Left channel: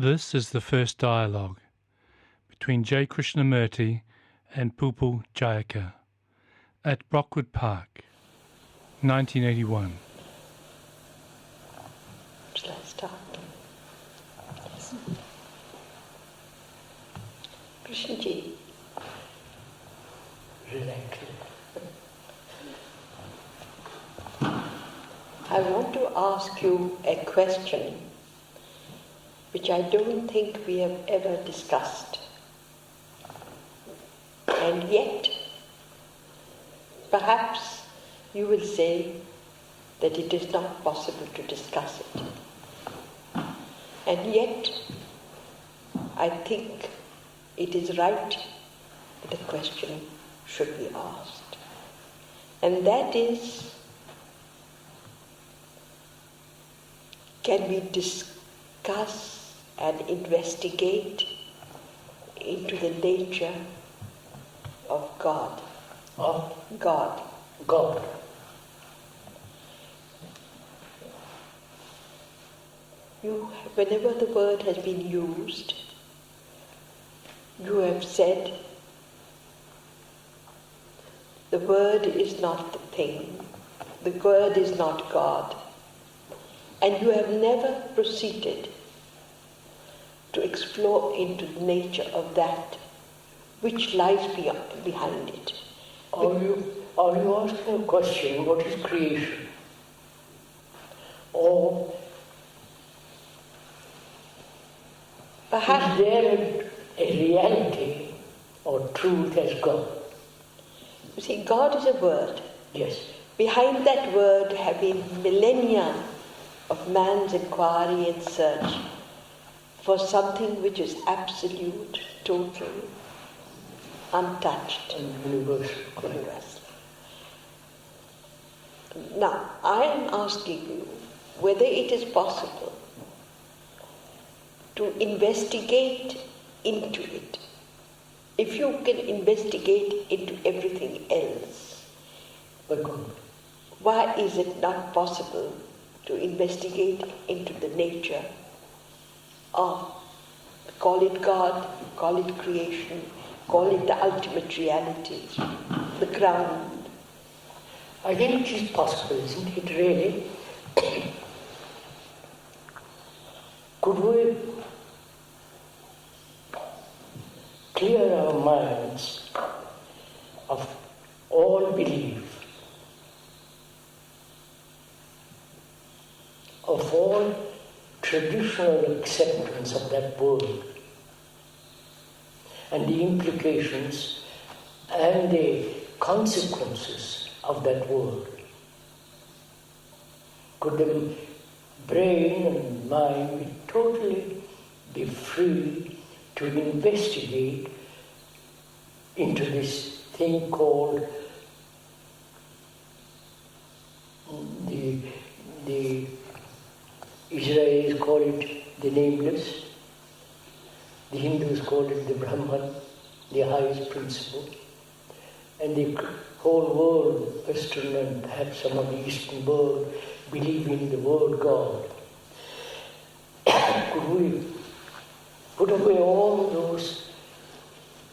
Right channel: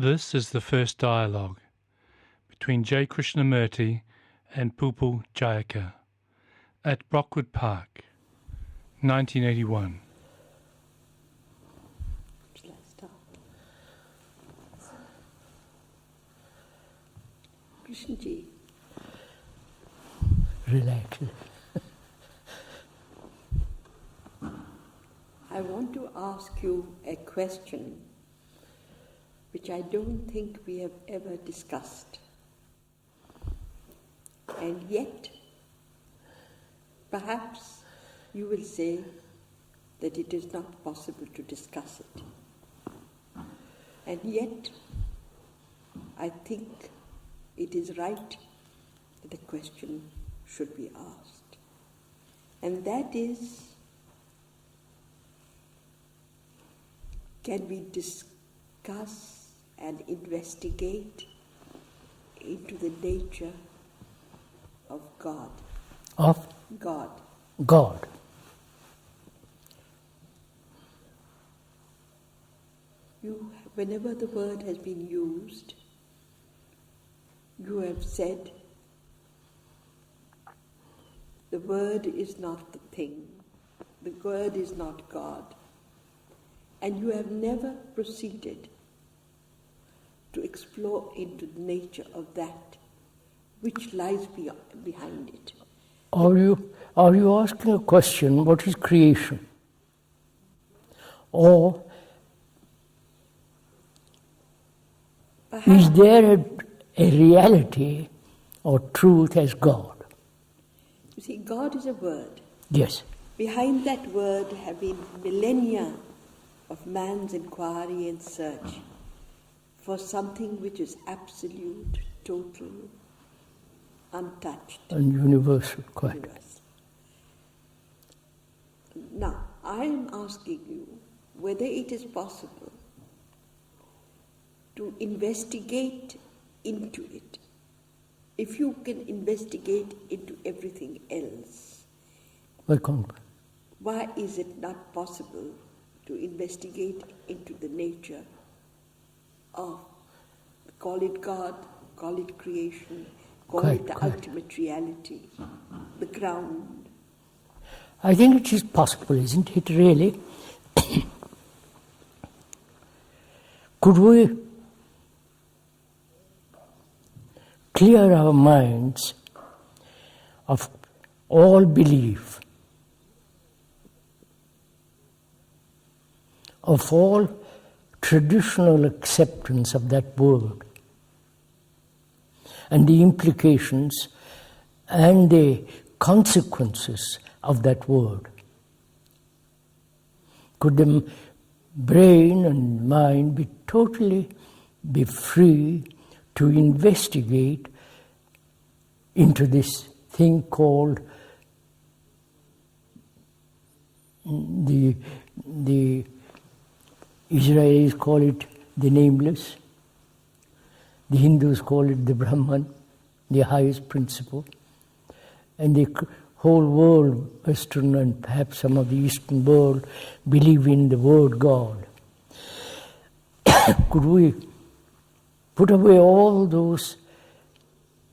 This is the first dialogue between J. Krishnamurti and Pupil Jayakar at Brockwood Park, 1981. Shall I start? Yes. Krishnaji. Relax. I want to ask you a question which I don't think we have ever discussed. And yet, perhaps you will say that it is not possible to discuss it. And yet, I think it is right that a question should be asked. And that is, can we discuss and investigate into the nature of God? Of? God. God. Whenever the word has been used, you have said the word is not the thing, the word is not God, and you have never proceeded to explore into the nature of that which lies behind it. Are you asking a question, what is creation? Or perhaps, is there a reality or truth as God? You see, God is a word. Yes. Behind that word have been millennia of man's inquiry and search for something which is absolute, total, untouched. And universal, quite. Universal. Now, I am asking you whether it is possible to investigate into it. If you can investigate into everything else, why is it not possible to investigate into the nature of, call it God, call it creation, call it the ultimate reality, the ground? I think it is possible, isn't it, really? Could we clear our minds of all belief, of all traditional acceptance of that word, and the implications and the consequences of that word? Could the brain and mind be free to investigate into this thing called the Israelis call it the nameless, the Hindus call it the Brahman, the highest principle, and the whole world, Western and perhaps some of the Eastern world, believe in the word God. Could we put away all those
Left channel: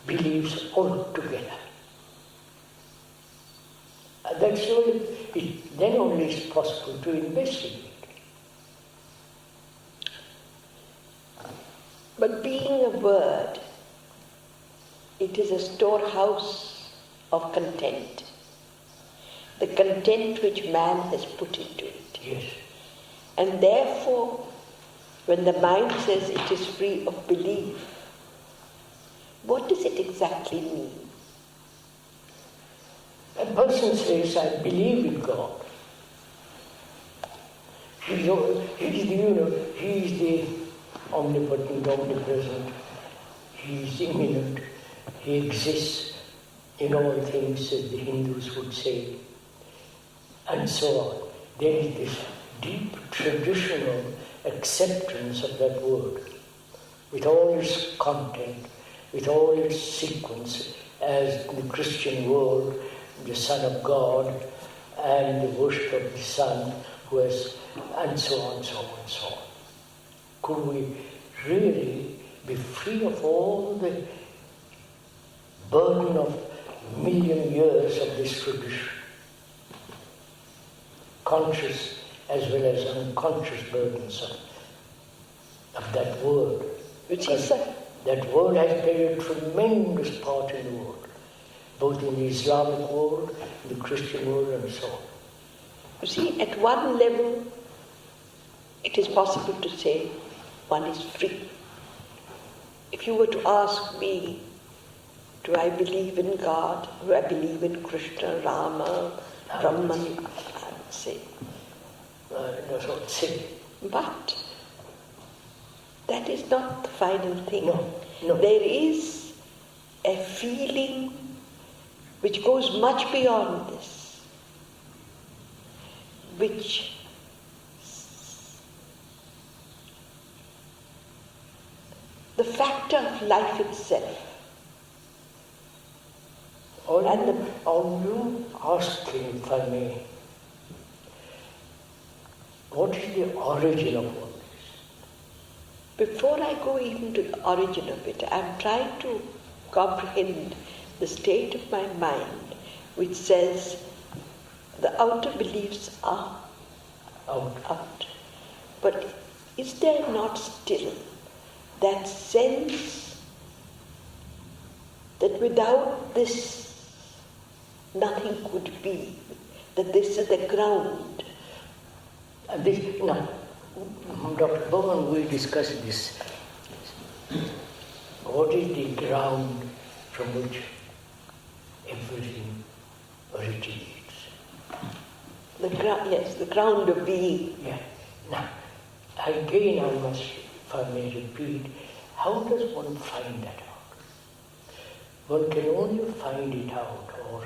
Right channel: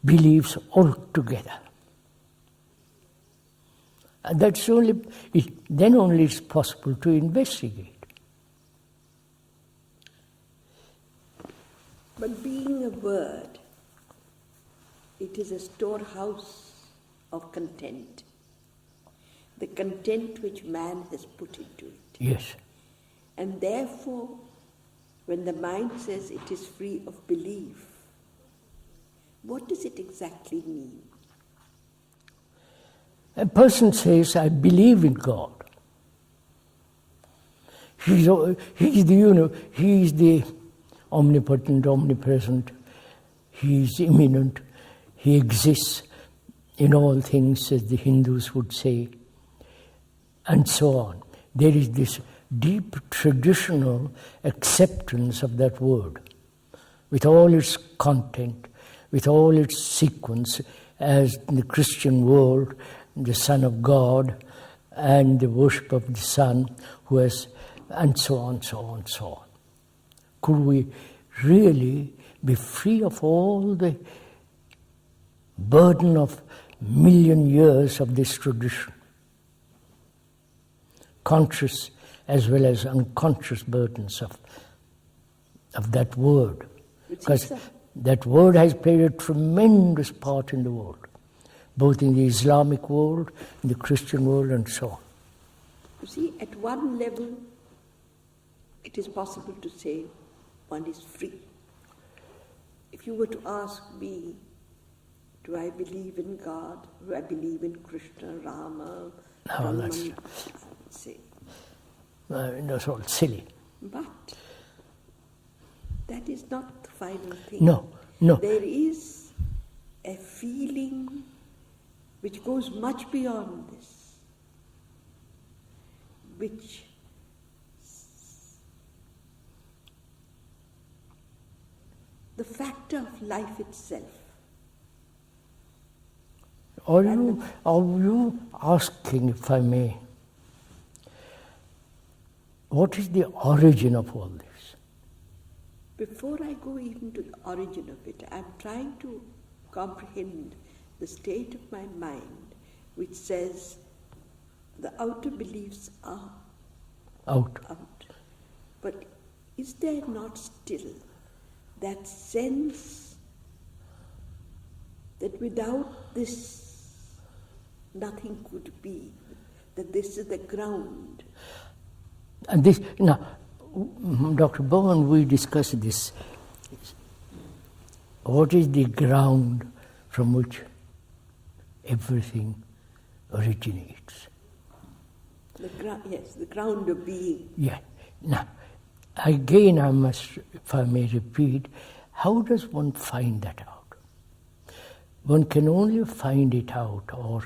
beliefs altogether? And that's only, then only it's possible to investigate. But being a word, it is a storehouse of content. The content which man has put into it. Yes. And therefore, when the mind says it is free of belief, what does it exactly mean? A person says, I believe in God. He is the omnipotent, omnipresent, he is immanent, he exists in all things, as the Hindus would say, and so on. There is this deep traditional acceptance of that word, with all its content, with all its sequence, as in the Christian world, the Son of God, and the worship of the Son, who has, and so on, so on, so on. Could we really be free of all the burden of million years of this tradition. Conscious as well as unconscious burdens of that word. Because that word has played a tremendous part in the world, both in the Islamic world, in the Christian world, and so on. You see, at one level, it is possible to say one is free. If you were to ask me, do I believe in God? Do I believe in Krishna, Rama, Brahman? I would say. That's all silly. But that is not the final thing. No. There is a feeling which goes much beyond this, which the factor of life itself. Are you asking, if I may, what is the origin of all this? Before I go even to the origin of it, I'm trying to comprehend the state of my mind which says the outer beliefs are out. But is there not still that sense that without this nothing could be, that this is the ground? And this, now, Dr. Bowen will discuss this. What is the ground from which everything originates? The ground, yes, the ground of being. Yeah. Now, again I must, if I may repeat, how does one find that out? One can only find it out or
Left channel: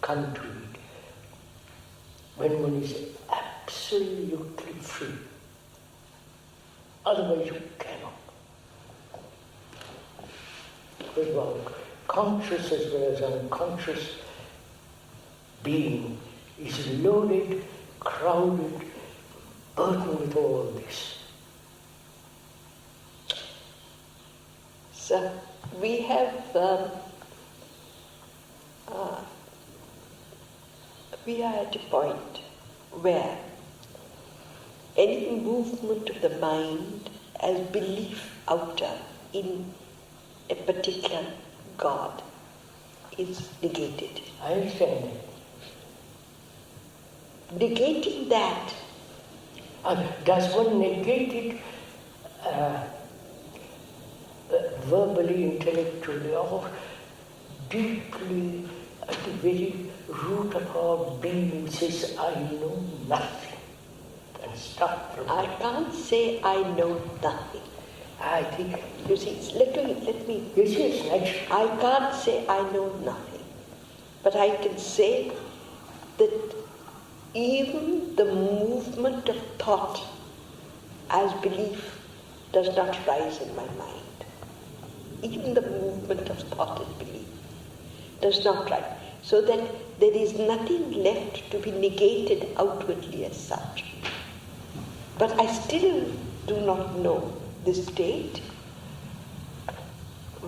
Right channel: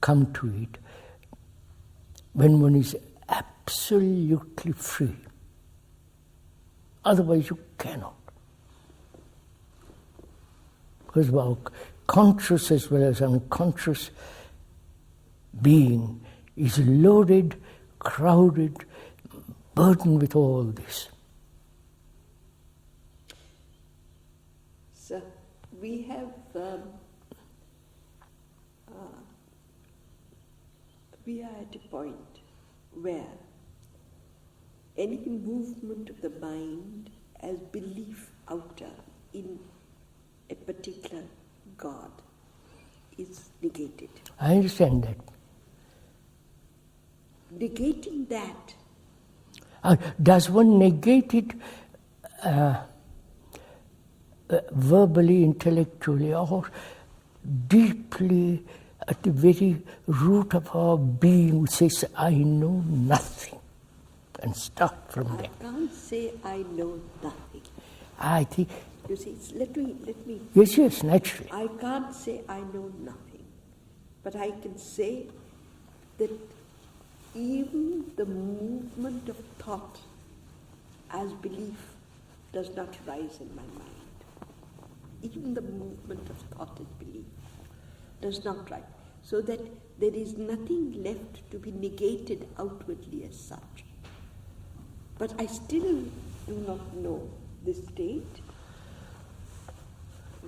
come to it when one is absolutely free. Otherwise you cannot. Because our conscious as well as unconscious being is loaded, crowded, burdened with all this. So we have we are at a point where any movement of the mind as belief outer in a particular God is negated. I understand that. Negating that. Does one negate it verbally, intellectually, or deeply at the very root of our being says, I know nothing, and stop from I there? can't say I know nothing. I think... You see, let me... Yes, naturally. I can't say I know nothing, but I can say that even the movement of thought as belief does not rise in my mind. Even the movement of thought as belief does not rise. So that there is nothing left to be negated outwardly as such. But I still do not know the state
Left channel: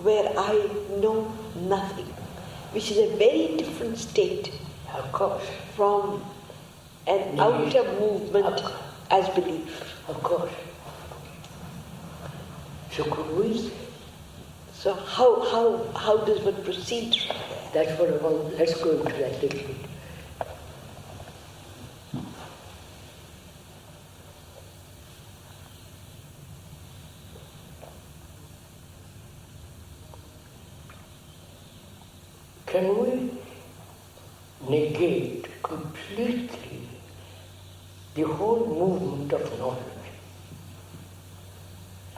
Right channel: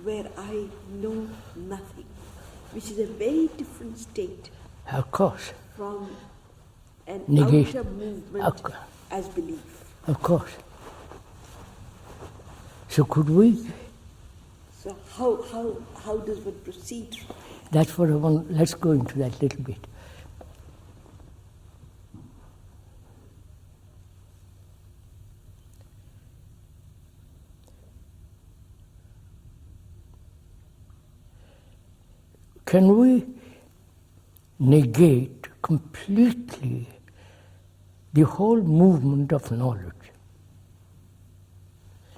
where I know nothing, which is a very different state Of course. from an Negation. outer movement as belief. Of course. So could we? So how does one proceed from there? That's what I want. Let's go into that little bit. Can we negate completely the whole movement of knowledge?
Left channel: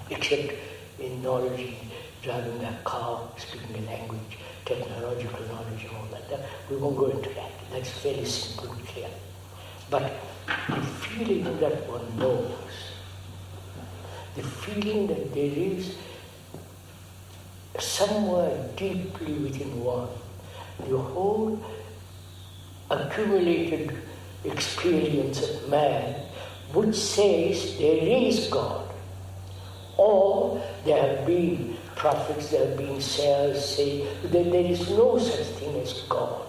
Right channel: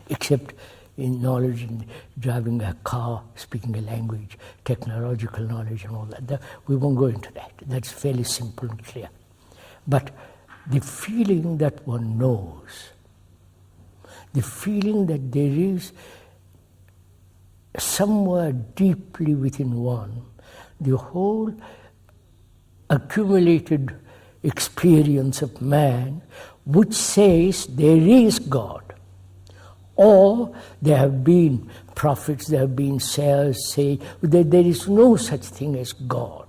Except in knowledge in driving a car, speaking a language, technological knowledge and all that. We won't go into that. That's fairly simple and clear. But the feeling that one knows, the feeling that there is somewhere deeply within one, the whole accumulated experience of man, which says there is God, Or there have been prophets, there have been sayers say that there is no such thing as God.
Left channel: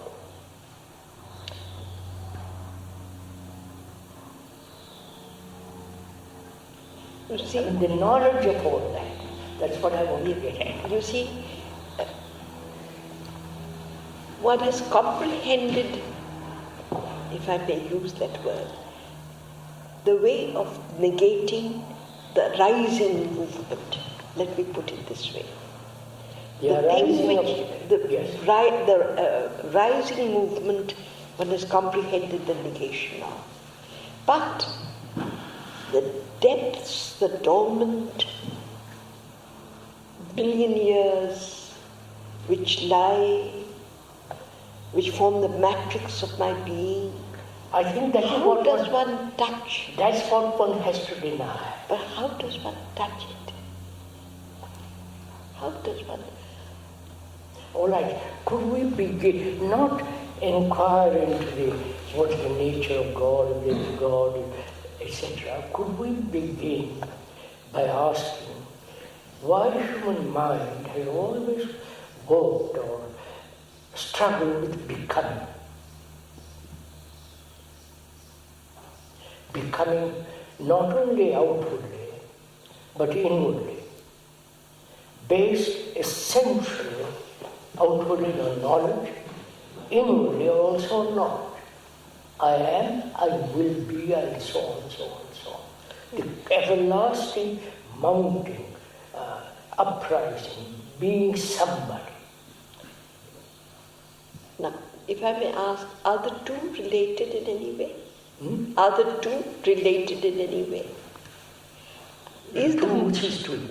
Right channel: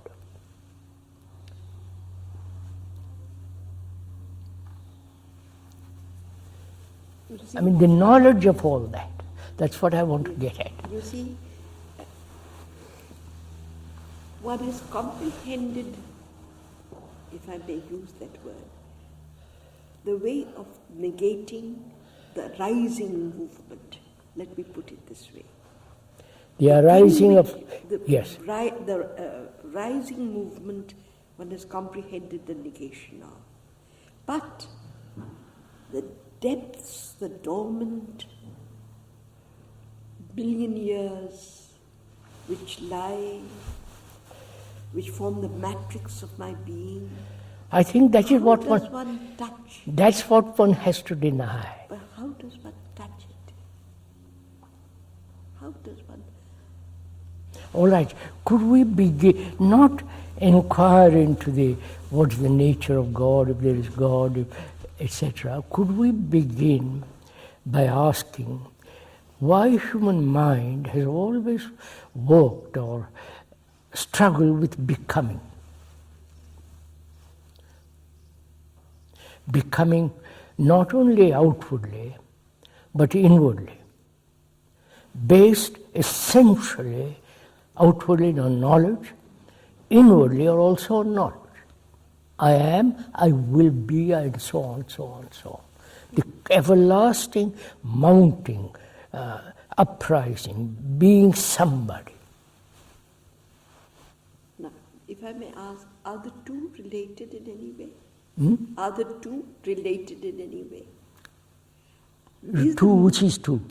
You see, I mean, the knowledge of all that, that's what I want to get at. you see, one has comprehended, if I may use that word, the way of negating the rising movement. Let me put it this way. The arising of... the yes. Rising movement, one has comprehended the negation of. But the depths, the dormant billion years which lie, which form the matrix of my being, I think that is what how does one touch? That's what one has to deny. But how does one touch it? How does one? All right, could we begin, not inquire into what's the nature of God, if there is God, etc. Could we begin by asking why human mind has always worked or struggled with becoming? Becoming not only outwardly, but inwardly, based essentially outwardly on knowledge, inwardly also on knowledge. I am, I will be, and so on, so on, so on. The everlasting mounting, uprising, being somebody. Now, if I may ask, are the two related in any way? Are the two related in any way? Which is two?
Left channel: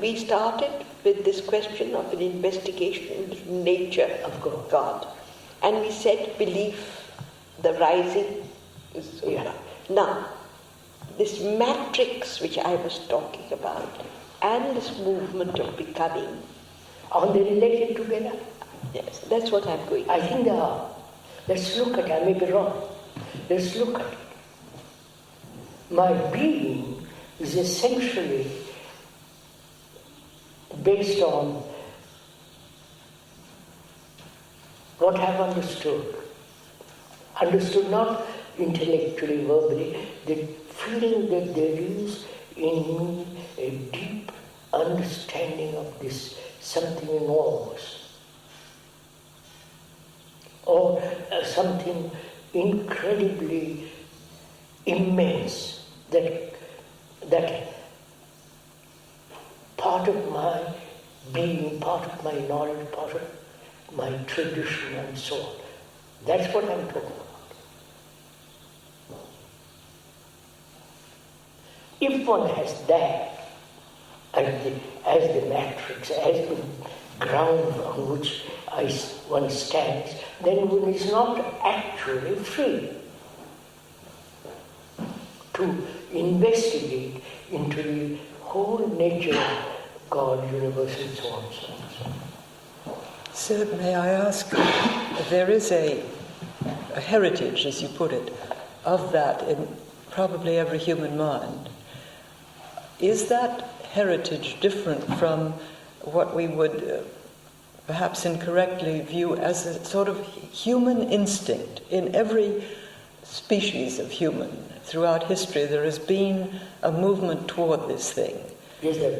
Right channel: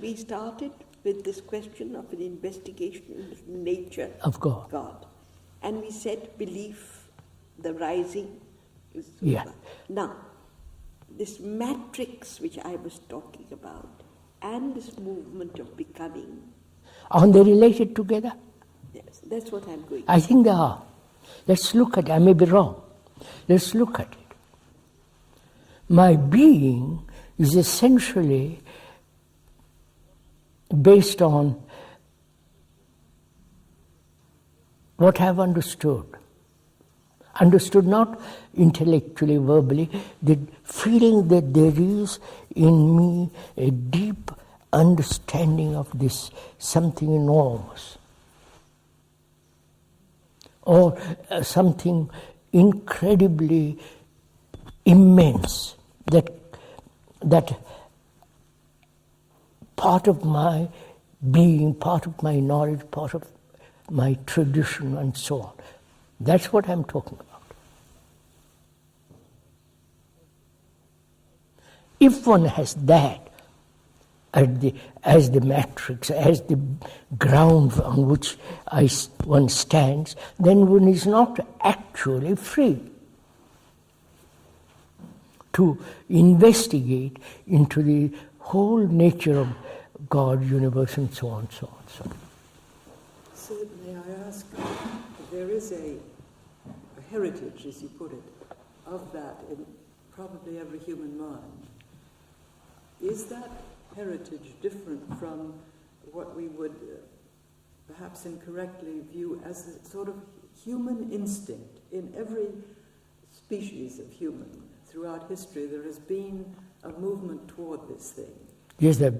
We started with this question of an investigation into nature of God. And we said belief, the rising is yeah. Now, this matrix which I was talking about and this movement of becoming. Are they related together? Yes, that's what I'm going to I think they are. Let's look at it. I may be wrong. Let's look at it. My being is essentially based on what I've understood. Understood not intellectually, verbally, the feeling that there is in me a deep understanding of this something enormous, or something incredibly immense, that part of my being, part of my knowledge, part of my tradition and so on. That's what I'm talking about. If one has that as the matrix, as the ground on which one stands, then one is not actually free to investigate into the whole nature of God, universe, and so on, so on, so on. Sir, may I ask, there is a heritage, as you put it, of that in probably every human mind. Is that heritage different from what we would perhaps incorrectly view as a sort of human instinct? In every species of human throughout history, there has been a movement toward this thing. Yes, sir.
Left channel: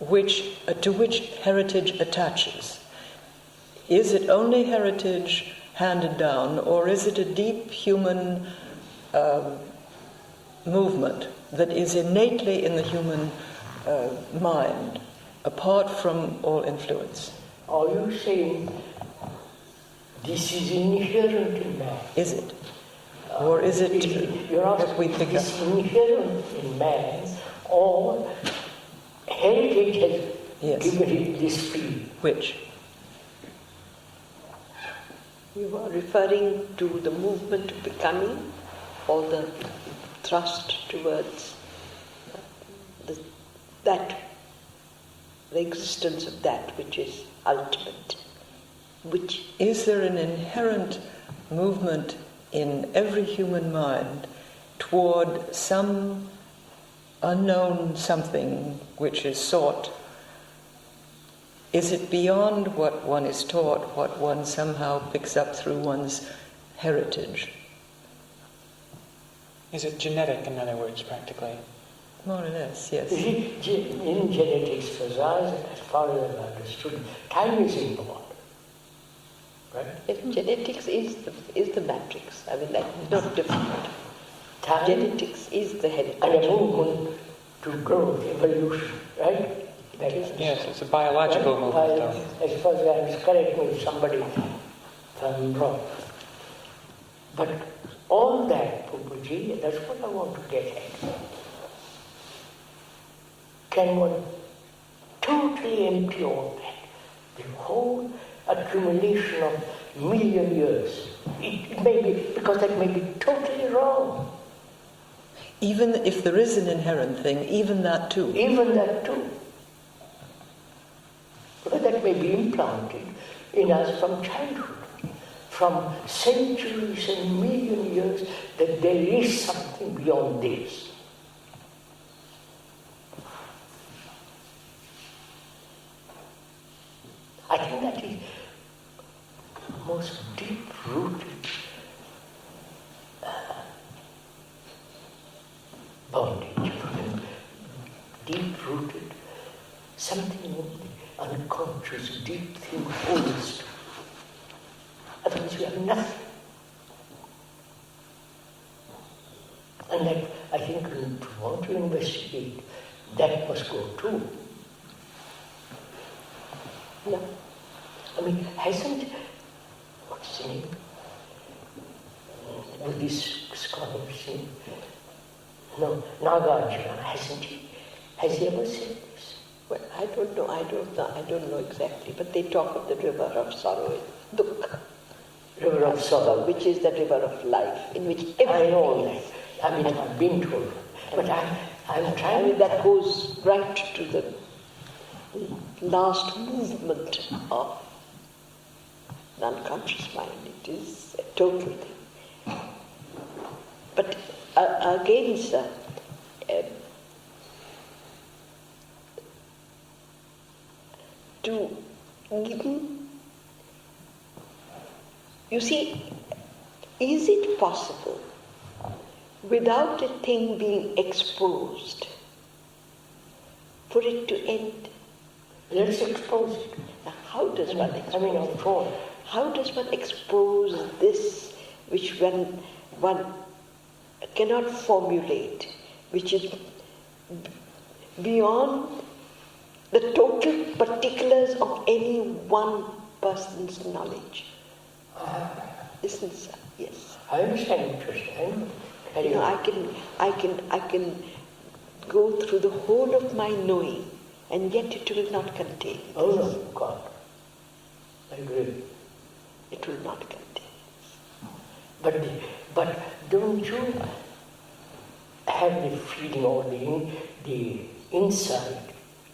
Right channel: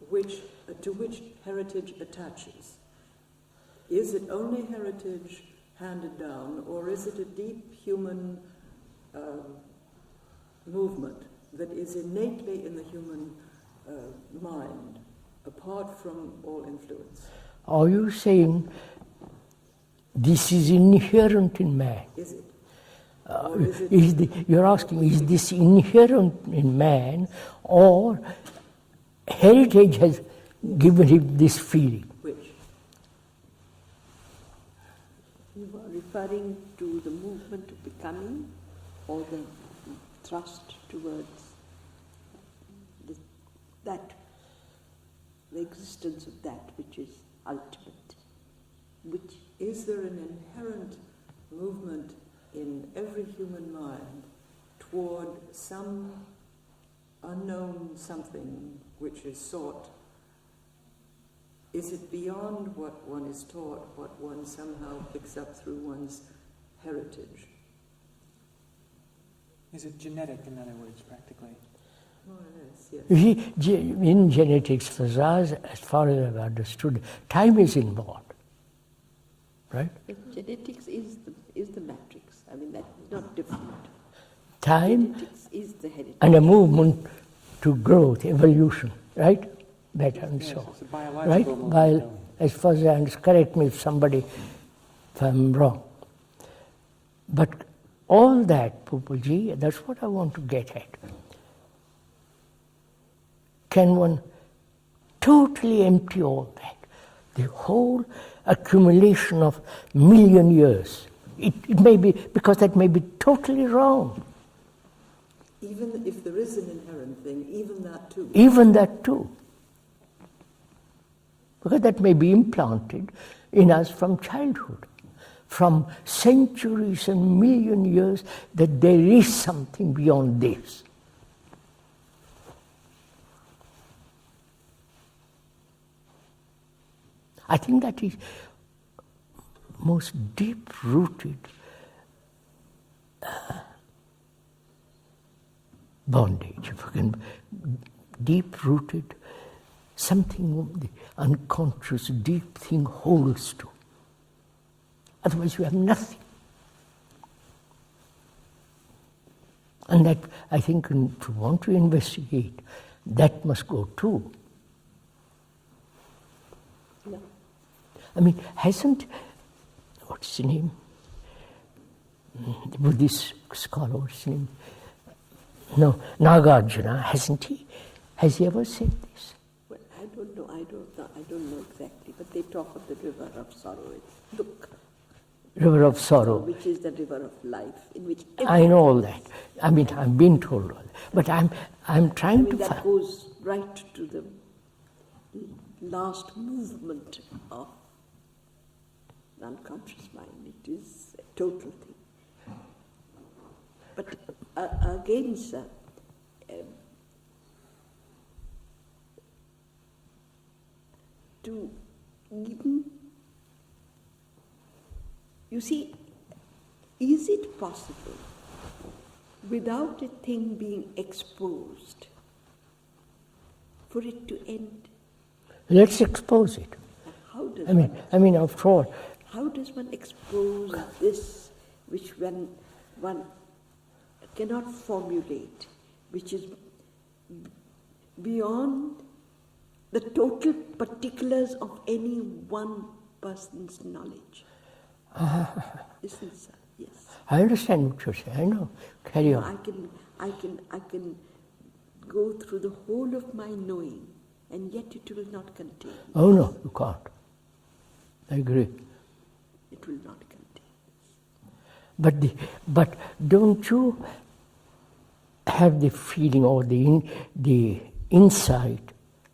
To which heritage attaches. Is it only heritage handed down, or is it a deep human movement that is innately in the human mind, apart from all influence? Are you saying this is inherent in man? Is it? Or is it... You're asking, is this inherent in man, or heritage has given it this feel? Which? You are referring to the movement of becoming, or the thrust towards the existence of that which is ultimate. Which is there an inherent movement in every human mind toward some unknown something which is sought, is it beyond what one is taught, what one somehow picks up through one's heritage? Is it genetic, in other words, practically? More or less, yes. In genetics, for us, as far as I've understood, time is involved. Right? If genetics is the matrix, I mean, that's not different. Time Genetics is the heritage. and a movement to growth, evolution, right? Yes, it's a biological movement. While, as far as I understand, correct me if I'm wrong. But all that, Pupaji, that's what I want to get at. Can one totally empty all that? The whole accumulation of million years. It may be, because that may be totally wrong. Even if there is an inherent thing, even that too. Even that too. Because that may be implanted in us from childhood, from centuries and million years, that there is something beyond this. I think that is most deep-rooted bondage, and deep-rooted something the unconscious, deep thing holds to. Otherwise we have nothing. And that, I think, to want to investigate, that must go too. No. I mean, hasn't, what's his name? Buddhist scholar, what's his name? No, Nagarjuna, hasn't he? Has he ever said this? Well, I don't know exactly, but they talk of the river of sorrow, Dukkha. River of sorrow. Which is the river of life, in which I know all that. I mean, I've been told. But I'm trying to that goes right to the last movement of the unconscious mind. It is a total thing. But again, sir, to even, you see, is it possible without a thing being exposed for it to end? Let's expose it. Now, how does one expose? I mean, after all, how does one expose this which one cannot formulate, which is beyond the total particulars of any one person's knowledge? Isn't it, sir? Yes. I understand what you're saying. I know. Carry You know, on. I can go through the whole of my knowing, and yet it will not contain. Oh no, you can't. I agree. It will not contain. But don't you have the feeling or the insight,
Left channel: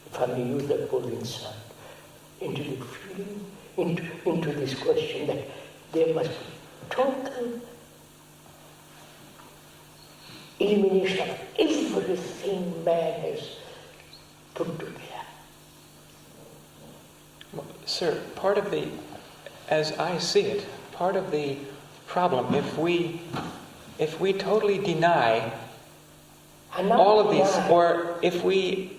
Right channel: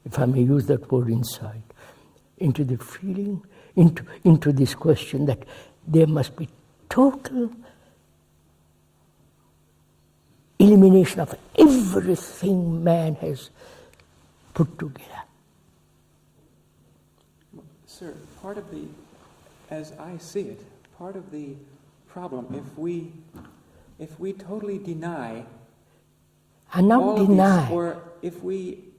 if I may use that word insight, into the feeling, into this question that there must be total elimination of everything man has put together. Well, sir, part of the, as I see it, part of the problem, if we totally deny all of these, or if we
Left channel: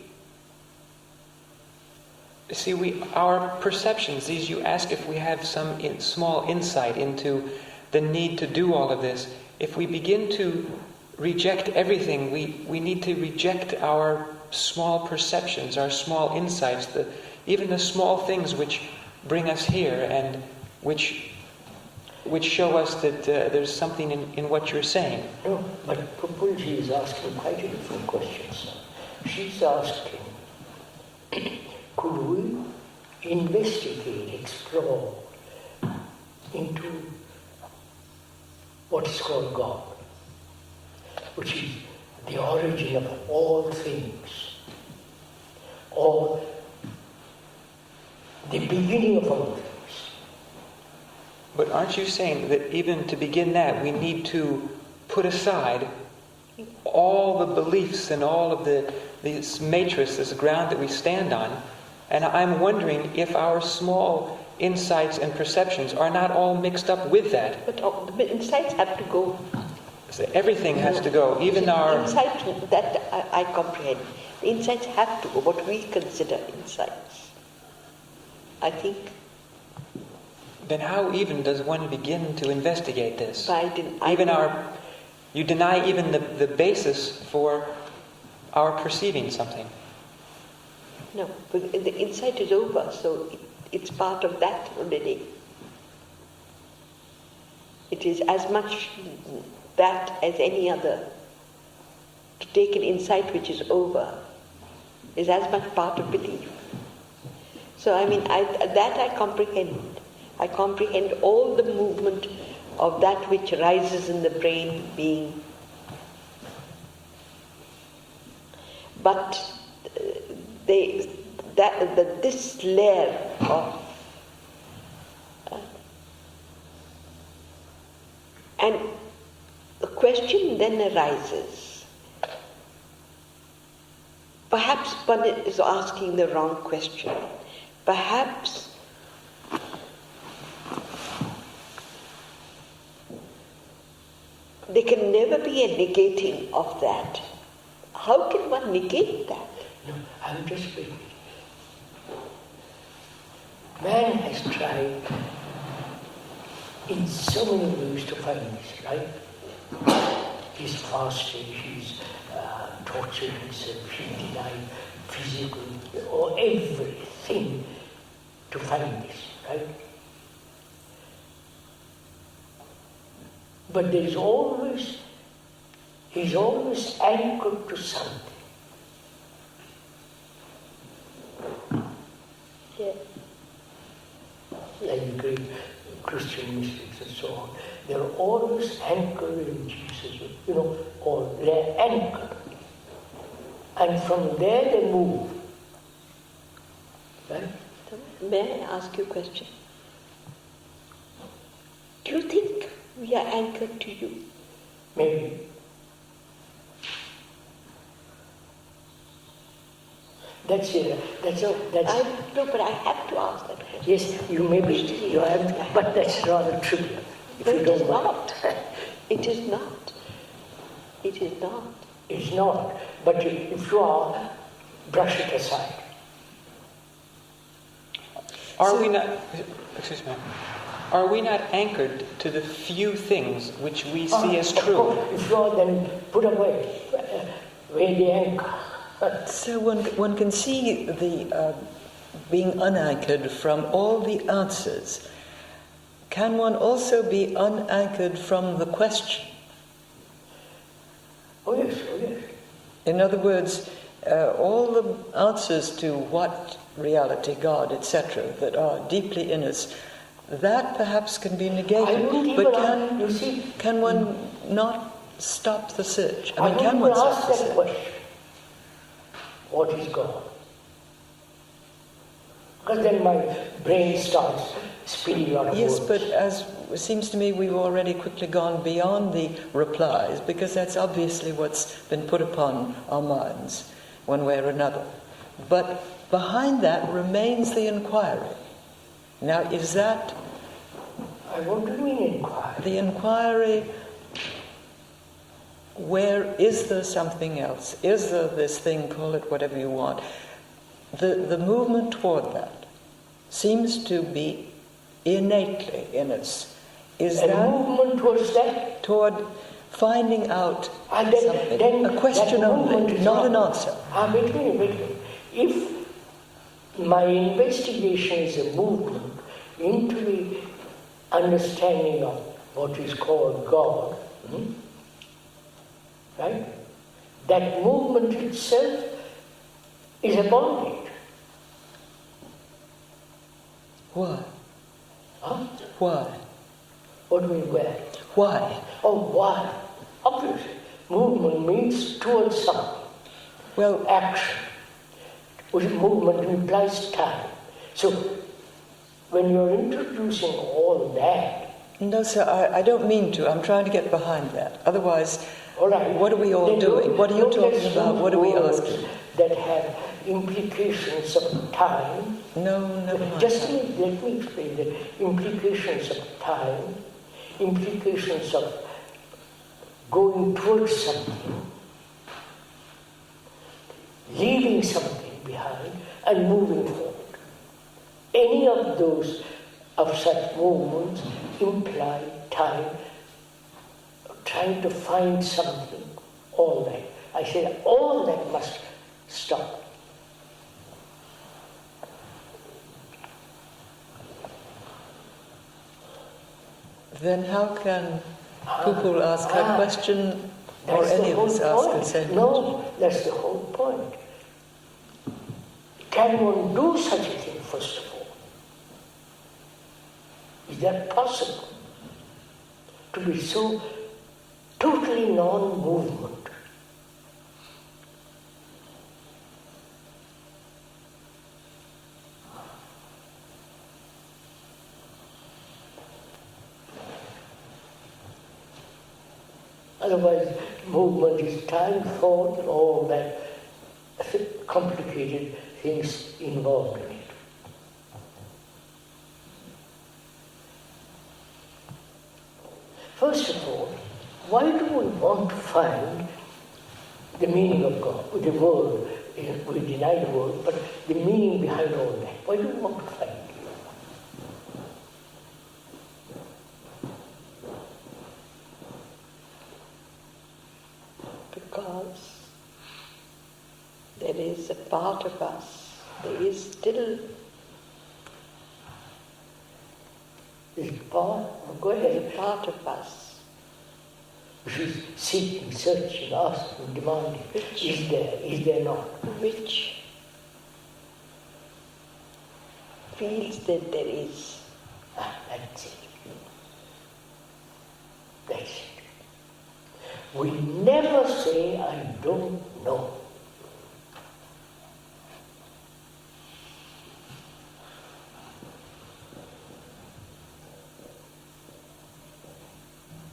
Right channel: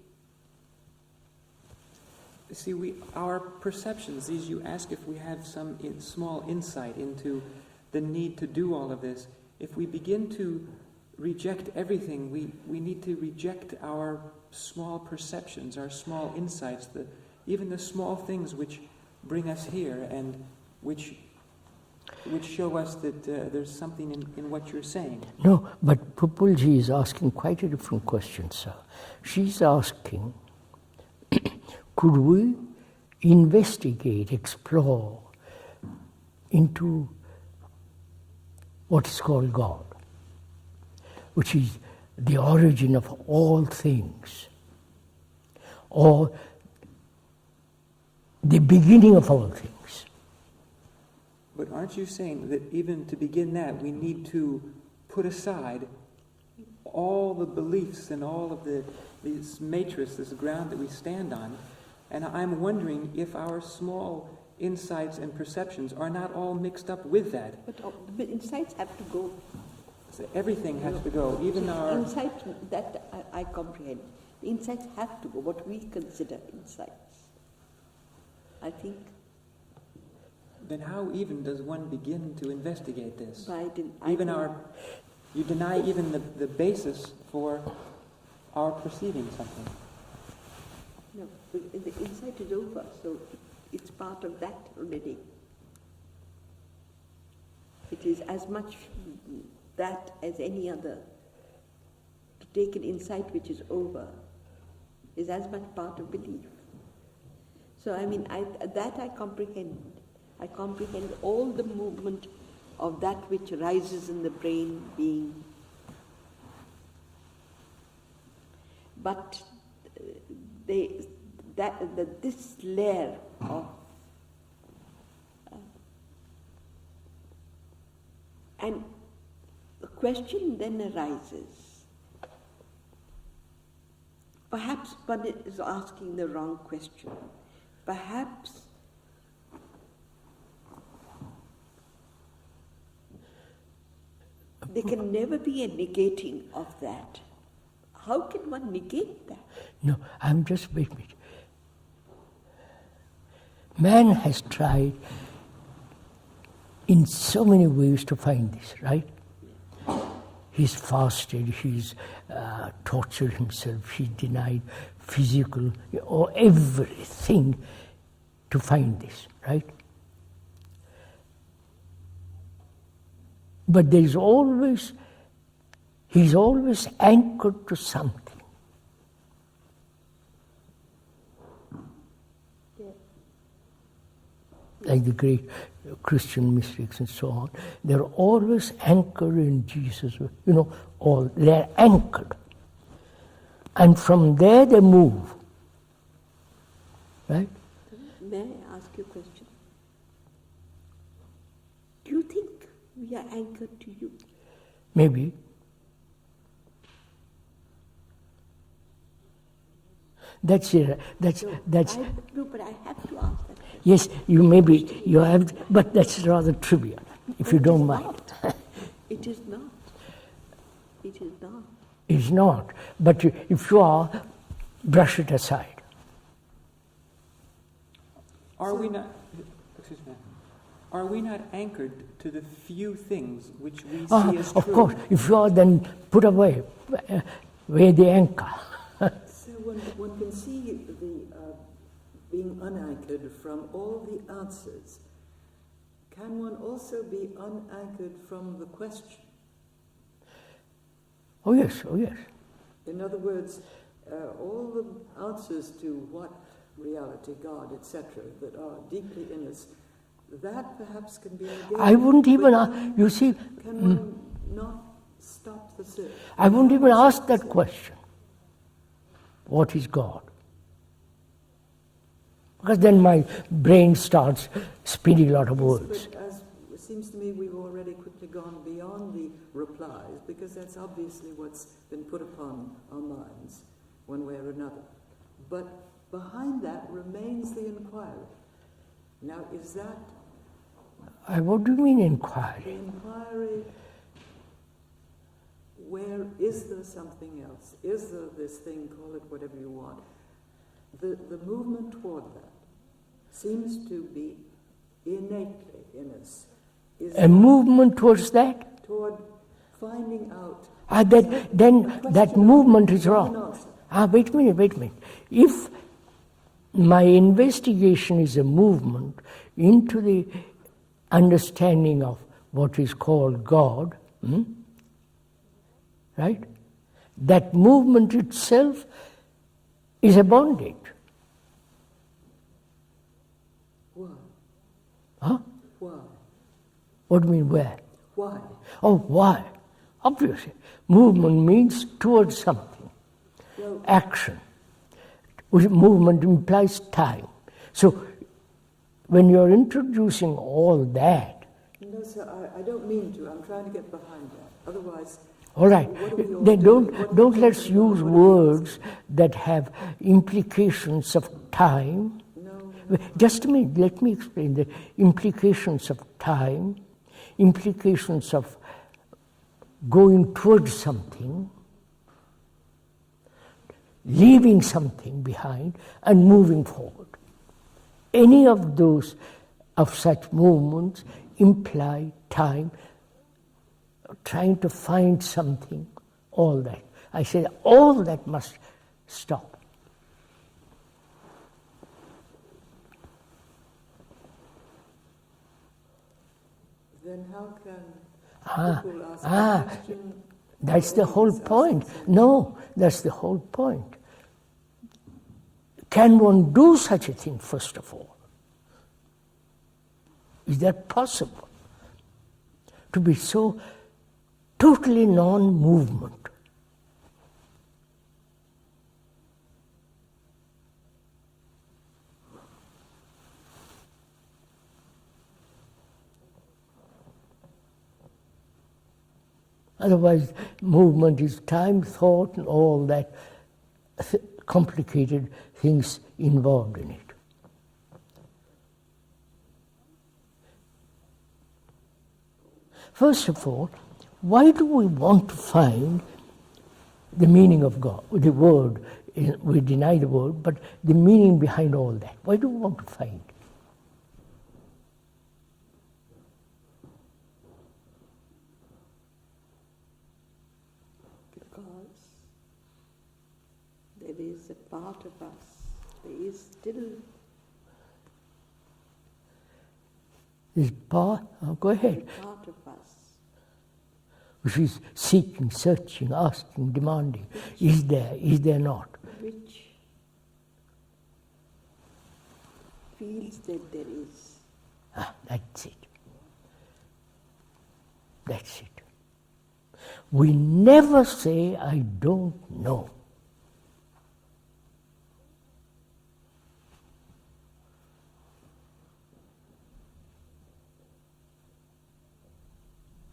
see, our perceptions, these, you ask if we have some small insight into the need to do all of this. If we begin to reject everything, we need to reject our small perceptions, our small insights, even the small things which bring us here and which show us that there's something in what you're saying. No, but Pupulji is asking quite a different question, sir. She's asking, could we investigate, explore into what is called God, which is the origin of all things, or the beginning of all things? But aren't you saying that even to begin that, we need to put aside all the beliefs and all of this matrix, this ground that we stand on. And I'm wondering if our small insights and perceptions are not all mixed up with that. But the insights have to go. So everything has to go, even our... Insights that I comprehend. The insights have to go, what we consider insights. I think... Then how even does one begin to investigate this? You deny even the basis for our perceiving something. No, but the insight is over, so it's part of that already. It is as much that as any other. To take an insight which is over is as much part of belief. So I comprehend. I comprehend all the movement of that which rises in the brain being. But this layer of and the question then arises. Perhaps one is asking the wrong question. Perhaps there can never be a negating of that. How can one negate that? No, I'm just waiting. Man has tried in so many ways to find this, right? He's fasted, he's tortured himself, he denied physical or everything to find this, right? But he's always anchored to something. Yeah. Like the great Christian mystics and so on, they're always anchored in Jesus, or they're anchored. And from there they move. Right? May I ask you a question? Do you think we are anchored to you? Maybe. That's it. No, but I have to ask that question. Yes, you have, but that's rather trivial, if you don't mind. It is not. It is not. It's not. But if you are, brush it aside. Are we not anchored to the few things which we see as Of true? course, if you are, then put away where the anchor. So one can see the being unanchored from all the answers. Can one also be unanchored from the question? Oh yes. In other words, all the answers to what reality, God, etc., that are deeply in us, that perhaps can be negated. I wouldn't even ask, you see. Can one not stop the search? I wouldn't even ask that question. What is God? Because then my brain starts spinning a lot of words. Yes, but as it seems to me, we've already quickly gone beyond the replies, because that's obviously what's been put upon our minds, one way or another. But behind that remains the inquiry. Now, is that... What do you mean inquiry? The inquiry, where is there something else? Is there this thing, call it whatever you want? The movement toward that seems to be innately in us. Is a movement towards that? Toward finding out then a question that movement only, is not wrong. an answer. Wait a minute. If my investigation is a movement into the understanding of what is called God, right? That movement itself is a bondage. Why? Huh? Why? What do you mean where? Why? Oh, why? Obviously. Movement means towards something. Well, action. Movement implies time. So, when you're introducing all that... No, sir, I don't mean to. I'm trying to get behind that. Otherwise, All right. What are we all Then doing? What are you don't let's talking about? use What are we words asking? that have implications of time. No, never mind. Just a minute, let me explain the implications of time, implications of going towards something, leaving something behind, and moving forward. Any of those, of such movements, imply time, trying to find something, all that. I said all that must stop. Then how can people ask a question That's or the any of whole us ask point. the same No, that's the whole point. Can one do such a thing, first of all? Is that possible? To be so totally non-movement. Otherwise, movement is time, thought, and all that complicated things involved in it. First of all, why do we want to find the meaning of God, the world? We deny the world, but the meaning behind all that. Why do we want to find it? Because there is a part of us, there is still This part, go ahead, a part of us which is seeking, searching, asking, demanding. Is there not? which feels that there is. That's it. That's it. We never say, I don't know.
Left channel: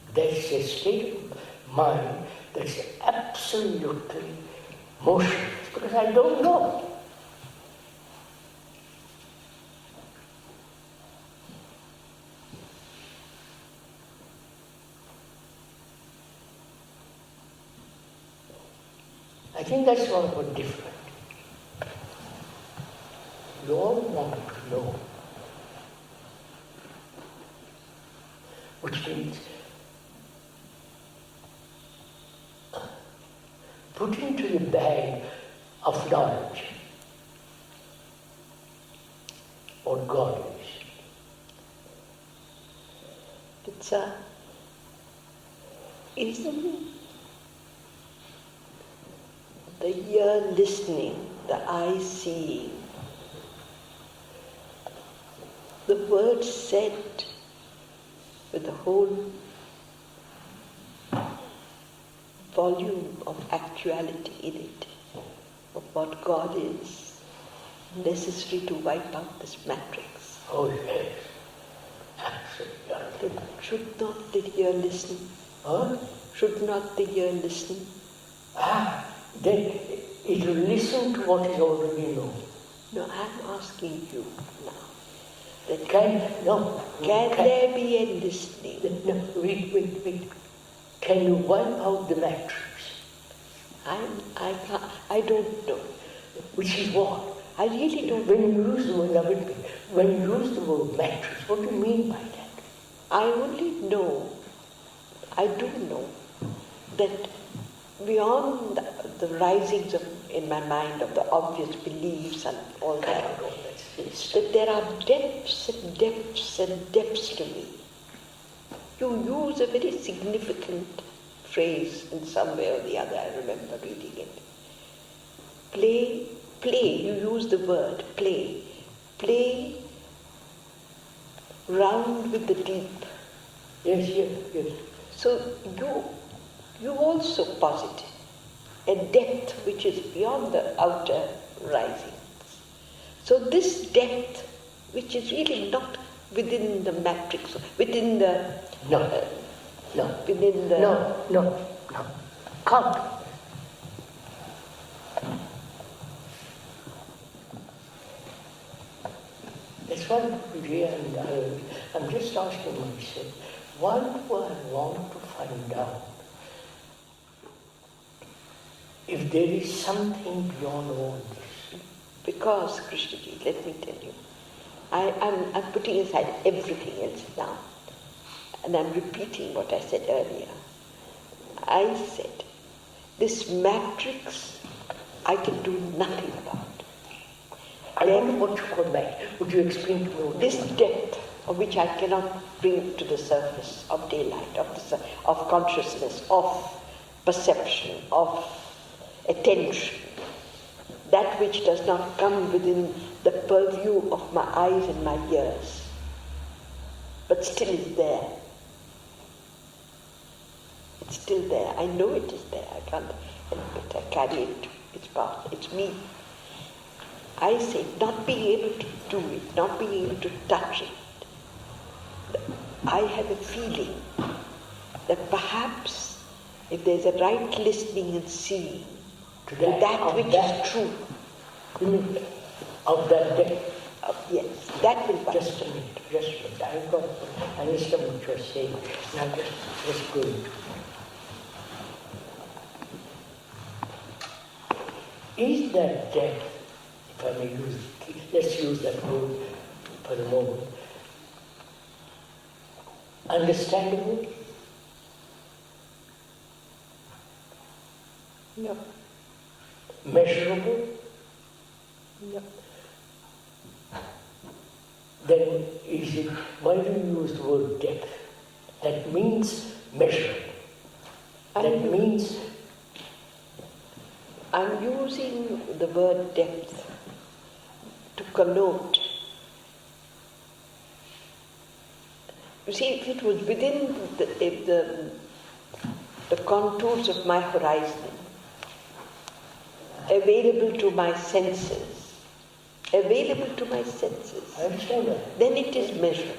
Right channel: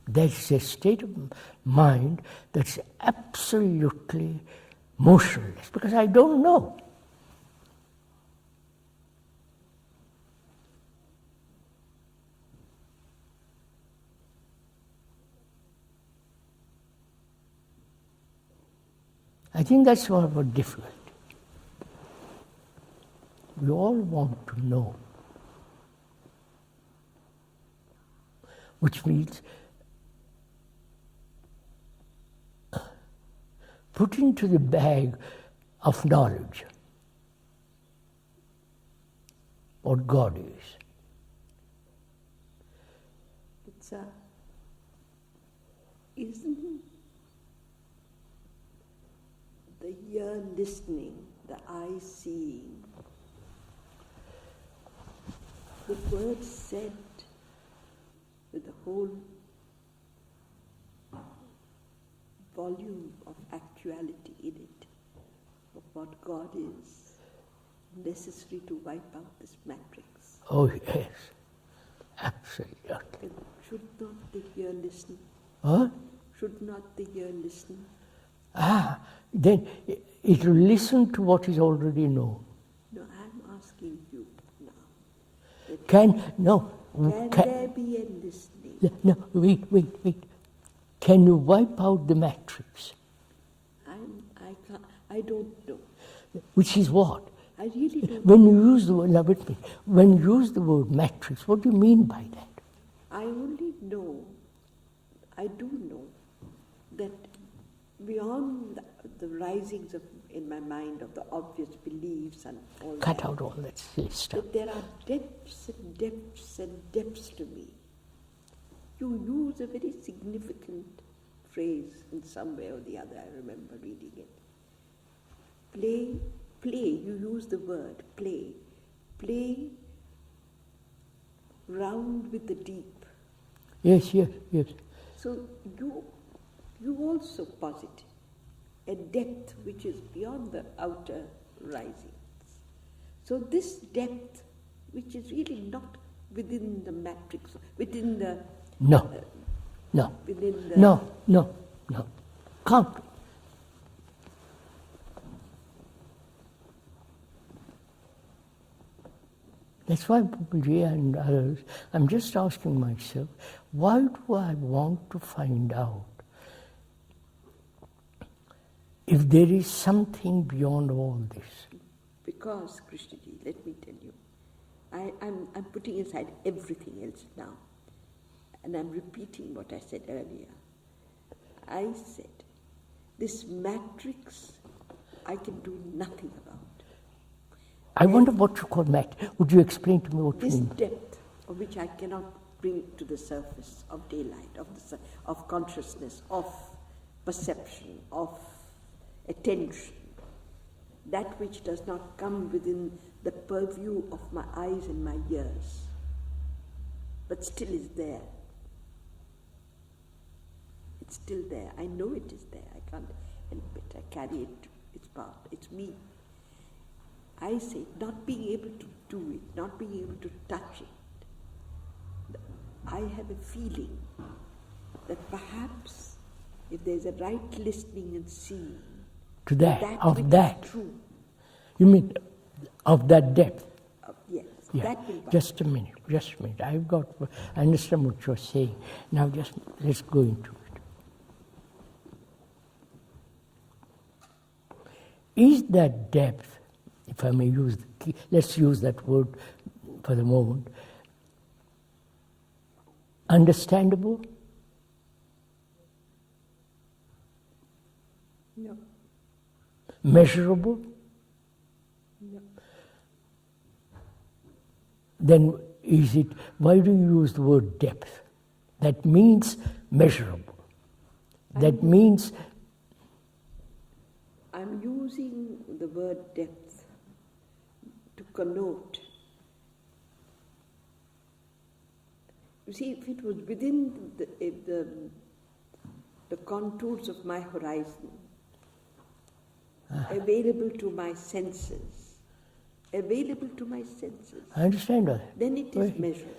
That's a state of mind that's absolutely motionless, because I don't know. I think that's what we're different. We all want to know, which means put into the bag of knowledge what God is. Isn't the ear listening, the eye seeing, the word said with the whole volume of actuality in it, of what God is, necessary to wipe out this matrix? Oh yes, absolutely. Then should not the ear listen? What? Should not the ear listen? Then it will listen to what is already known. No, I'm asking you now. That Can there be a listening? No, wait. Can you wipe out the matrix? I don't know. Which is what? I really don't. When you use the word, now wait a minute. When you use the word matrix, what do you mean by that? I only know, I do know that beyond the risings of, in my mind, of the obvious beliefs and all Cut that, out all that. Yes. that there are depths and depths and depths to me. You use a very significant phrase in some way or the other, I remember reading it. Play, you use the word play round with the deep. Yes. So you also posit a depth which is beyond the outer risings. So this depth, which is really not within the matrix, within the... No. Within the... No. can't. That's why Pupuji and others, I'm just asking myself, why do I want to find out if there is something beyond all this? Because, Krishnaji, let me tell you, I'm putting aside everything else now, and I'm repeating what I said earlier. I said, this matrix, I can do nothing about. I wonder what you call that. Would you explain to me what This you mean? depth of which I cannot bring to the surface of daylight, of consciousness, of perception, of attention, that which does not come within the purview of my eyes and my ears, but still is there. It's still there. I know it is there. I can't help it. I carry it. It's part. It's me. I say, not being able to do it, not being able to touch it, I have a feeling that perhaps if there's a right listening and seeing To that, which that. is true, You mean of that depth? yes, that will work. Just a minute. I understand what you're saying. Now let's go into it. Is that depth, if I may let's use that word for the moment, understandable? No, Measurable? no. Then why do you use the word depth? That means measurable. That means I'm using the word depth to connote. You see, if it was within the contours of my horizon, available to my senses, I understand that. then it is measurable.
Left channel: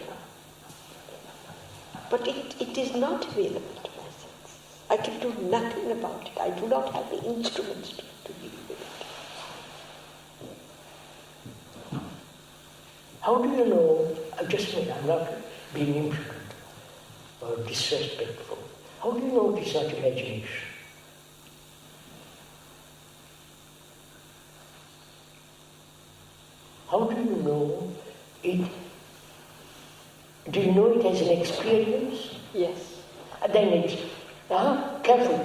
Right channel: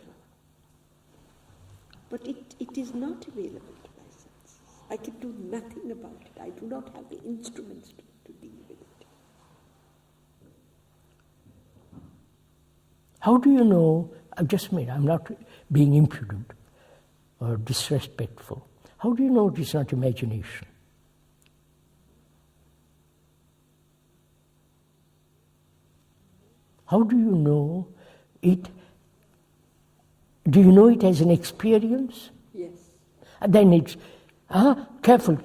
But it is not available to my senses. I can do nothing about it. I do not have the instruments to deal with it. How do you know, I'm not being impudent or disrespectful. How do you know it is not imagination? How do you know it? Do you know it as an experience? Yes. And then it's, careful.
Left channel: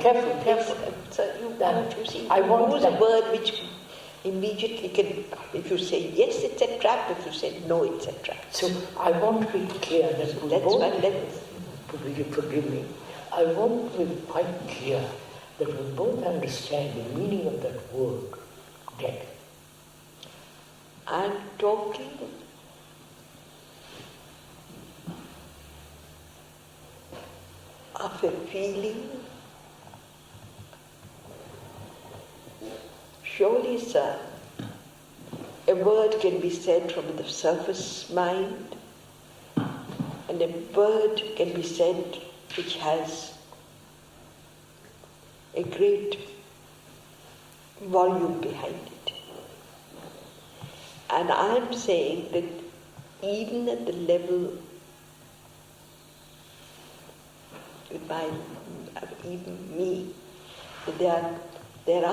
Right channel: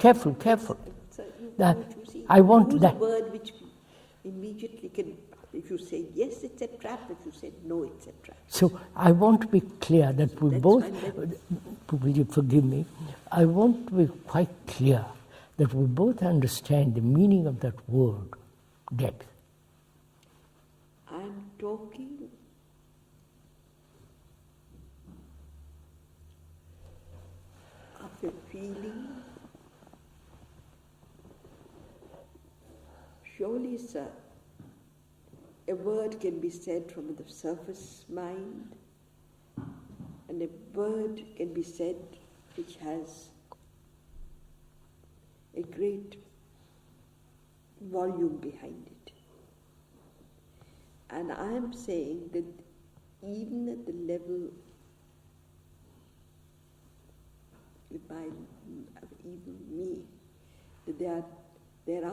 So you see, I want use that. a word which immediately can, if you say yes, it's a trap, if you say no, it's a trap. So I want to be clear that we That's both, why forgive me, I want to be quite clear that we both understand the meaning of that word, depth. I'm talking of a feeling. Surely, sir, a word can be said from the surface mind, and a word can be said which has a great volume behind it. And I'm saying that even at the level of even me, that there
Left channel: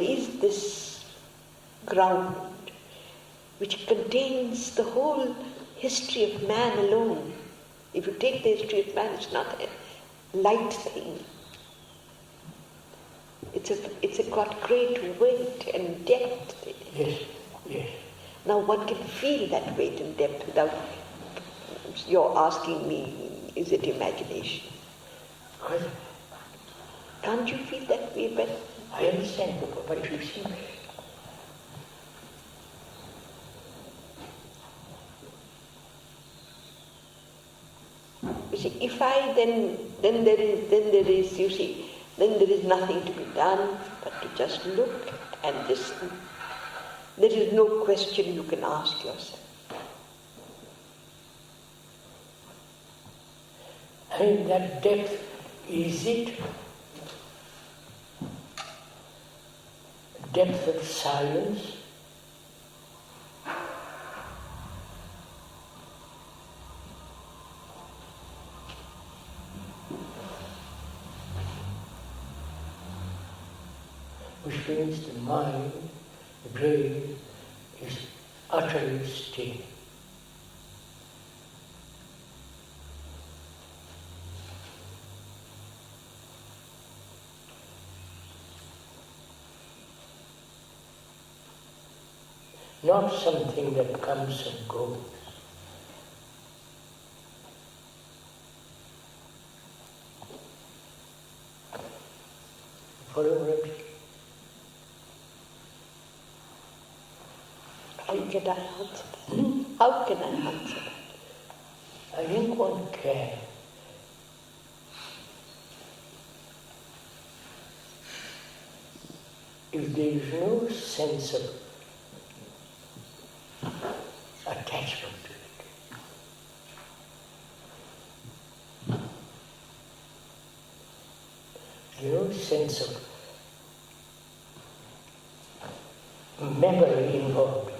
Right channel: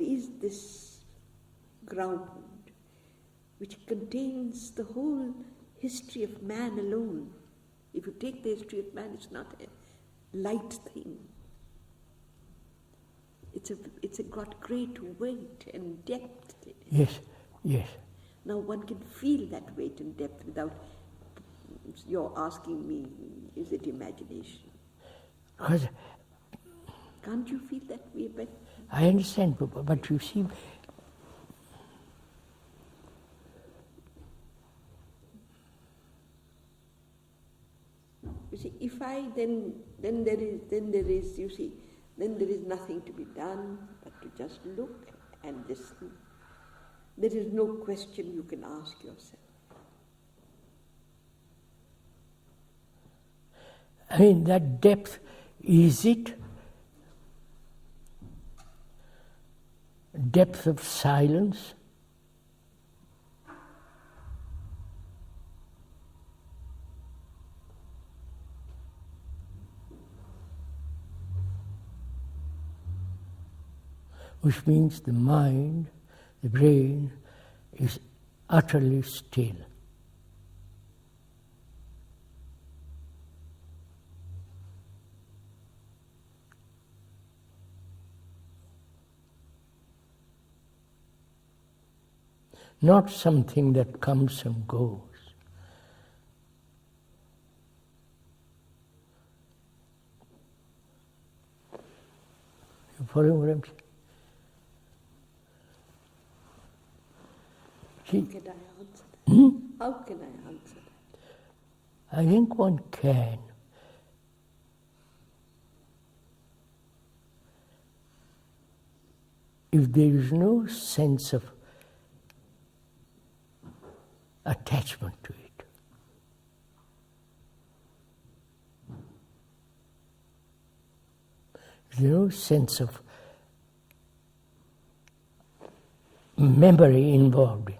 is this ground which contains the whole history of man alone. If you take the history of man, it's not a light thing. It's got great weight and depth. Yes. Now one can feel that weight and depth without you're asking me, is it imagination? Can't you feel that way? But I understand, but you see, you see, if I then there is nothing to be done but to just look and listen. There is no question you can ask yourself. I mean, that depth, is it depth of silence, which means the mind, the brain, is utterly still. Not something that comes and goes. You follow what I'm saying? How can I answer that? How can I answer that? I think one can. If there is no sense of attachment to it, there is no sense of memory involved in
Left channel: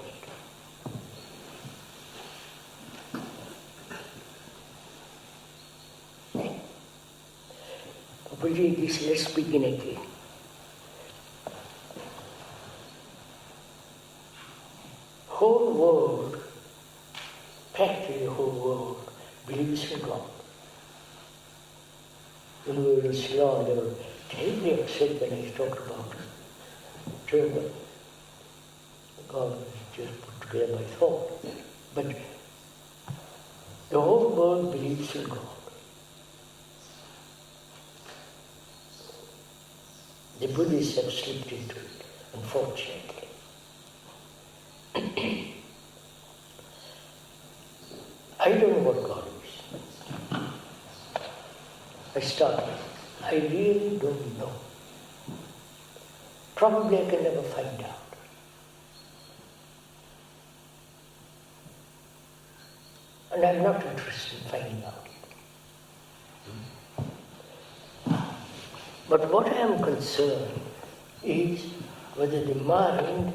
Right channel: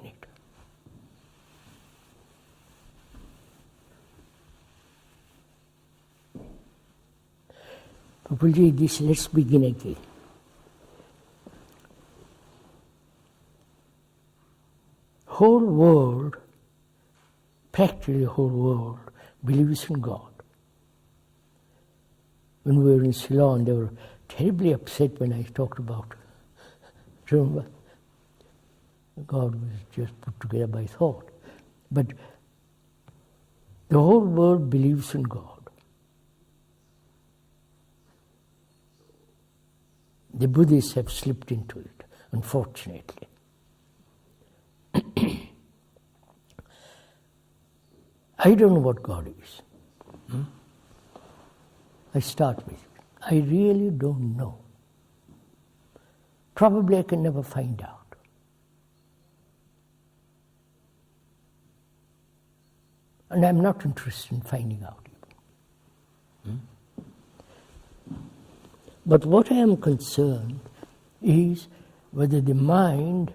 it. We'll read this, let's begin again. Whole world, practically the whole world, believes in God. When we were in Ceylon, they were terribly upset when I talked about it. God was just put together by thought. But the whole world believes in God. The Buddhists have slipped into it, unfortunately. I don't know what God is. I start with, I really don't know. Probably I can never find out. And I'm not interested in finding out. But what I am concerned is whether the mind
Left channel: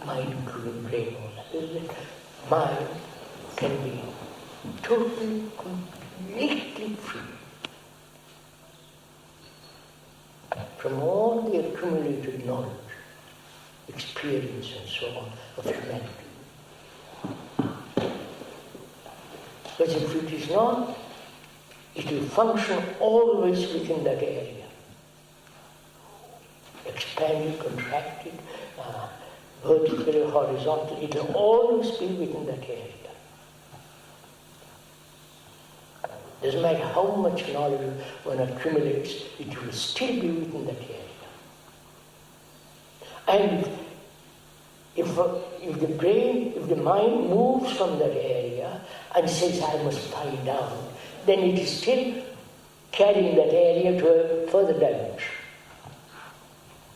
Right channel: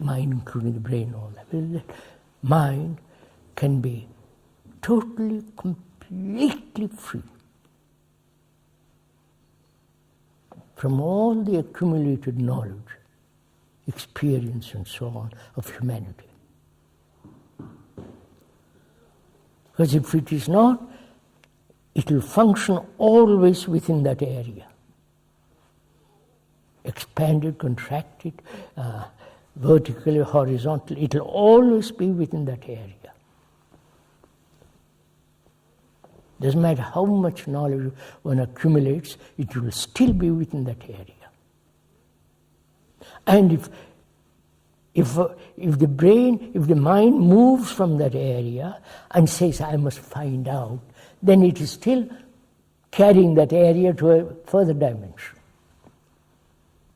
including the brain, mind can be totally, completely free from all the accumulated knowledge, experience and so on of humanity. Because if it is not, it will function always within that area. Expanded, contracted, vertically, horizontally, it will always be within that area. Doesn't matter how much knowledge one accumulates, it will still be within that area. And if the brain, if the mind moves from that area and says, I must find out, then it is still carrying that area to a further dimension.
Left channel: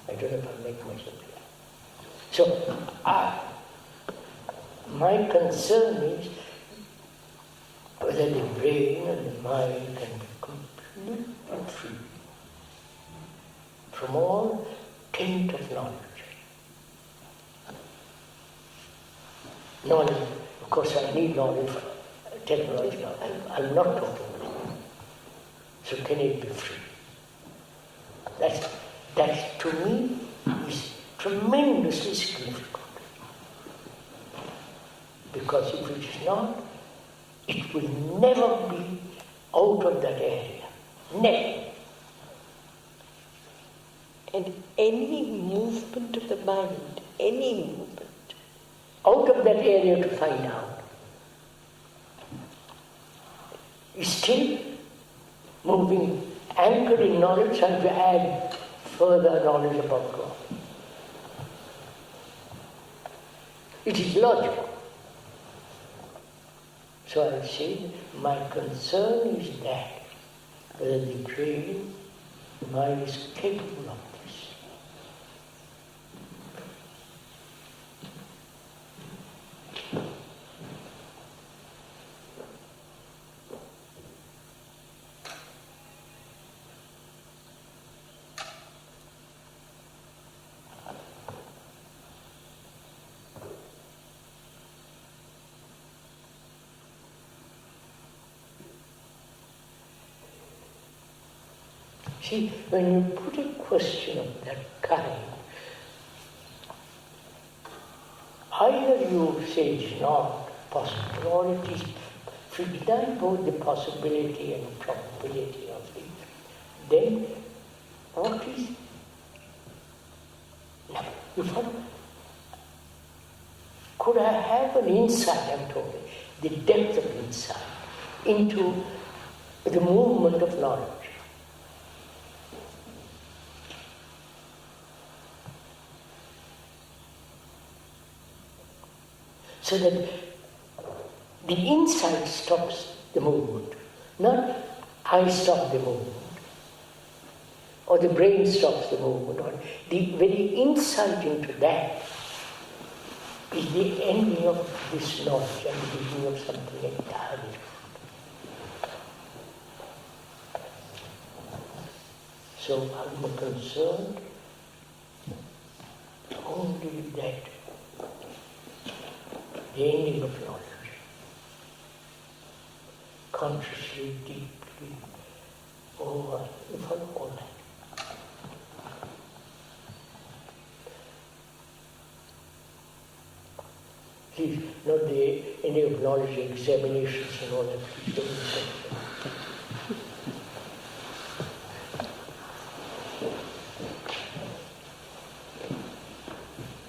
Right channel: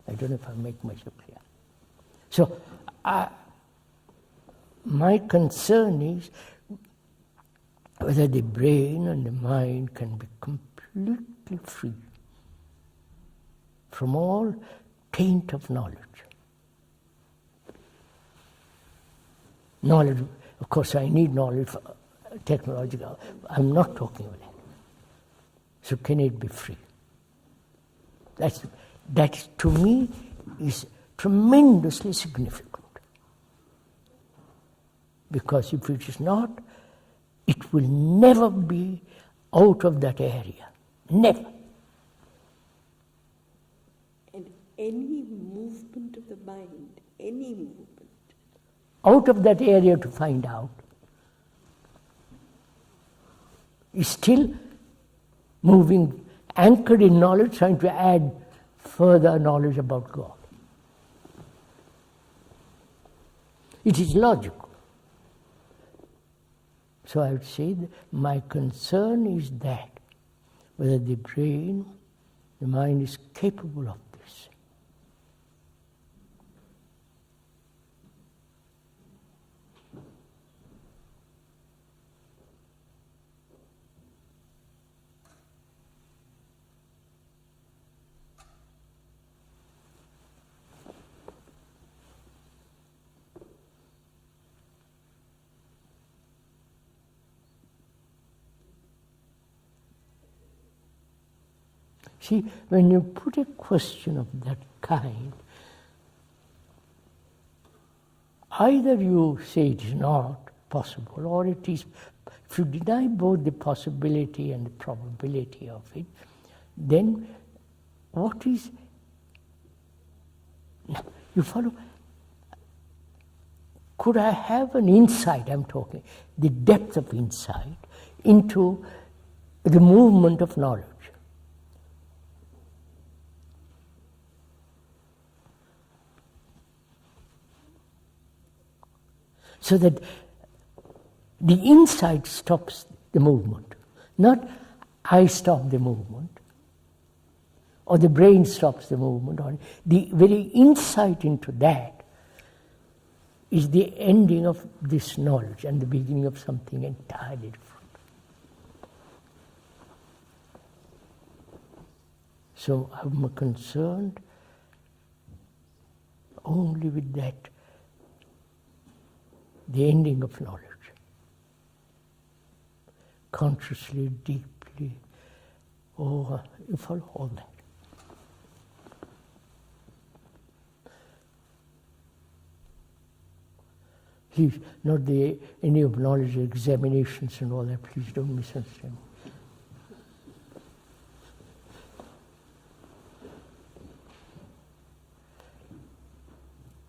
I don't know if I make myself clear. So, my concern is whether the brain and the mind can be completely free from all taint of knowledge. Knowledge, of course I need knowledge for technological, I'm not talking about it. So can it be free? That to me is tremendously significant. Because if it is not, it will never be out of that area. Never. And any movement of the mind, any movement, out of that area to find out, is still moving, anchored in knowledge, trying to add further knowledge about God. It is logical. So I would say my concern is that whether the brain, the mind is capable of this. See, when you put a question of that kind, either you say it's not possible, or it is. If you deny both the possibility and probability of it, then what is... You follow? Could I have an insight, I'm talking, the depth of insight into the movement of knowledge? So that the insight stops the movement, not I stop the movement, or the brain stops the movement, or the very insight into that is the ending of this knowledge and the beginning of something entirely different. So I'm concerned only with that, the ending of knowledge. Consciously, deeply, over, you follow all that. Please, not the any of knowledge examinations and all that, please don't misunderstand.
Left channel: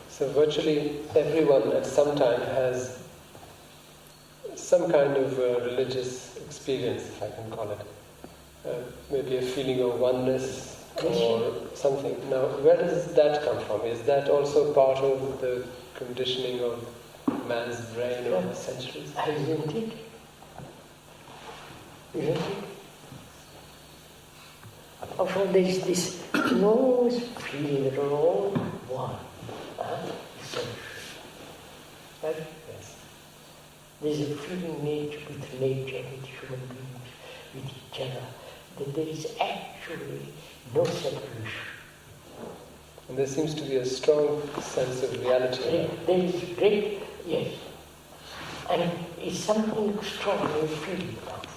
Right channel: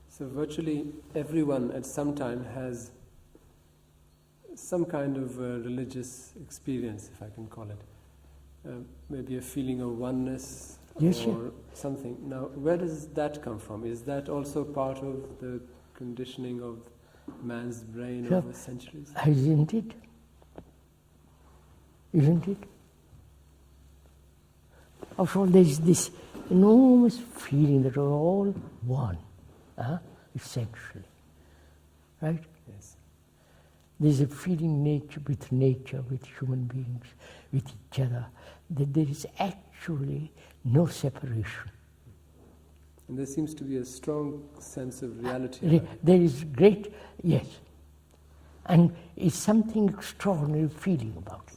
So virtually everyone at some time has some kind of religious experience, if I can call it. Maybe a feeling of oneness or something. Now, where does that come from? Is that also part of the conditioning of man's brain over the centuries? Isn't it? Isn't it? After all, there is this enormous feeling that we're all one. Essentially. Right? Yes. There's a feeling nature, with human beings, with each other, that there is actually no separation. And there seems to be a strong sense of reality. There is great, yes. And it's something extraordinary feeling about.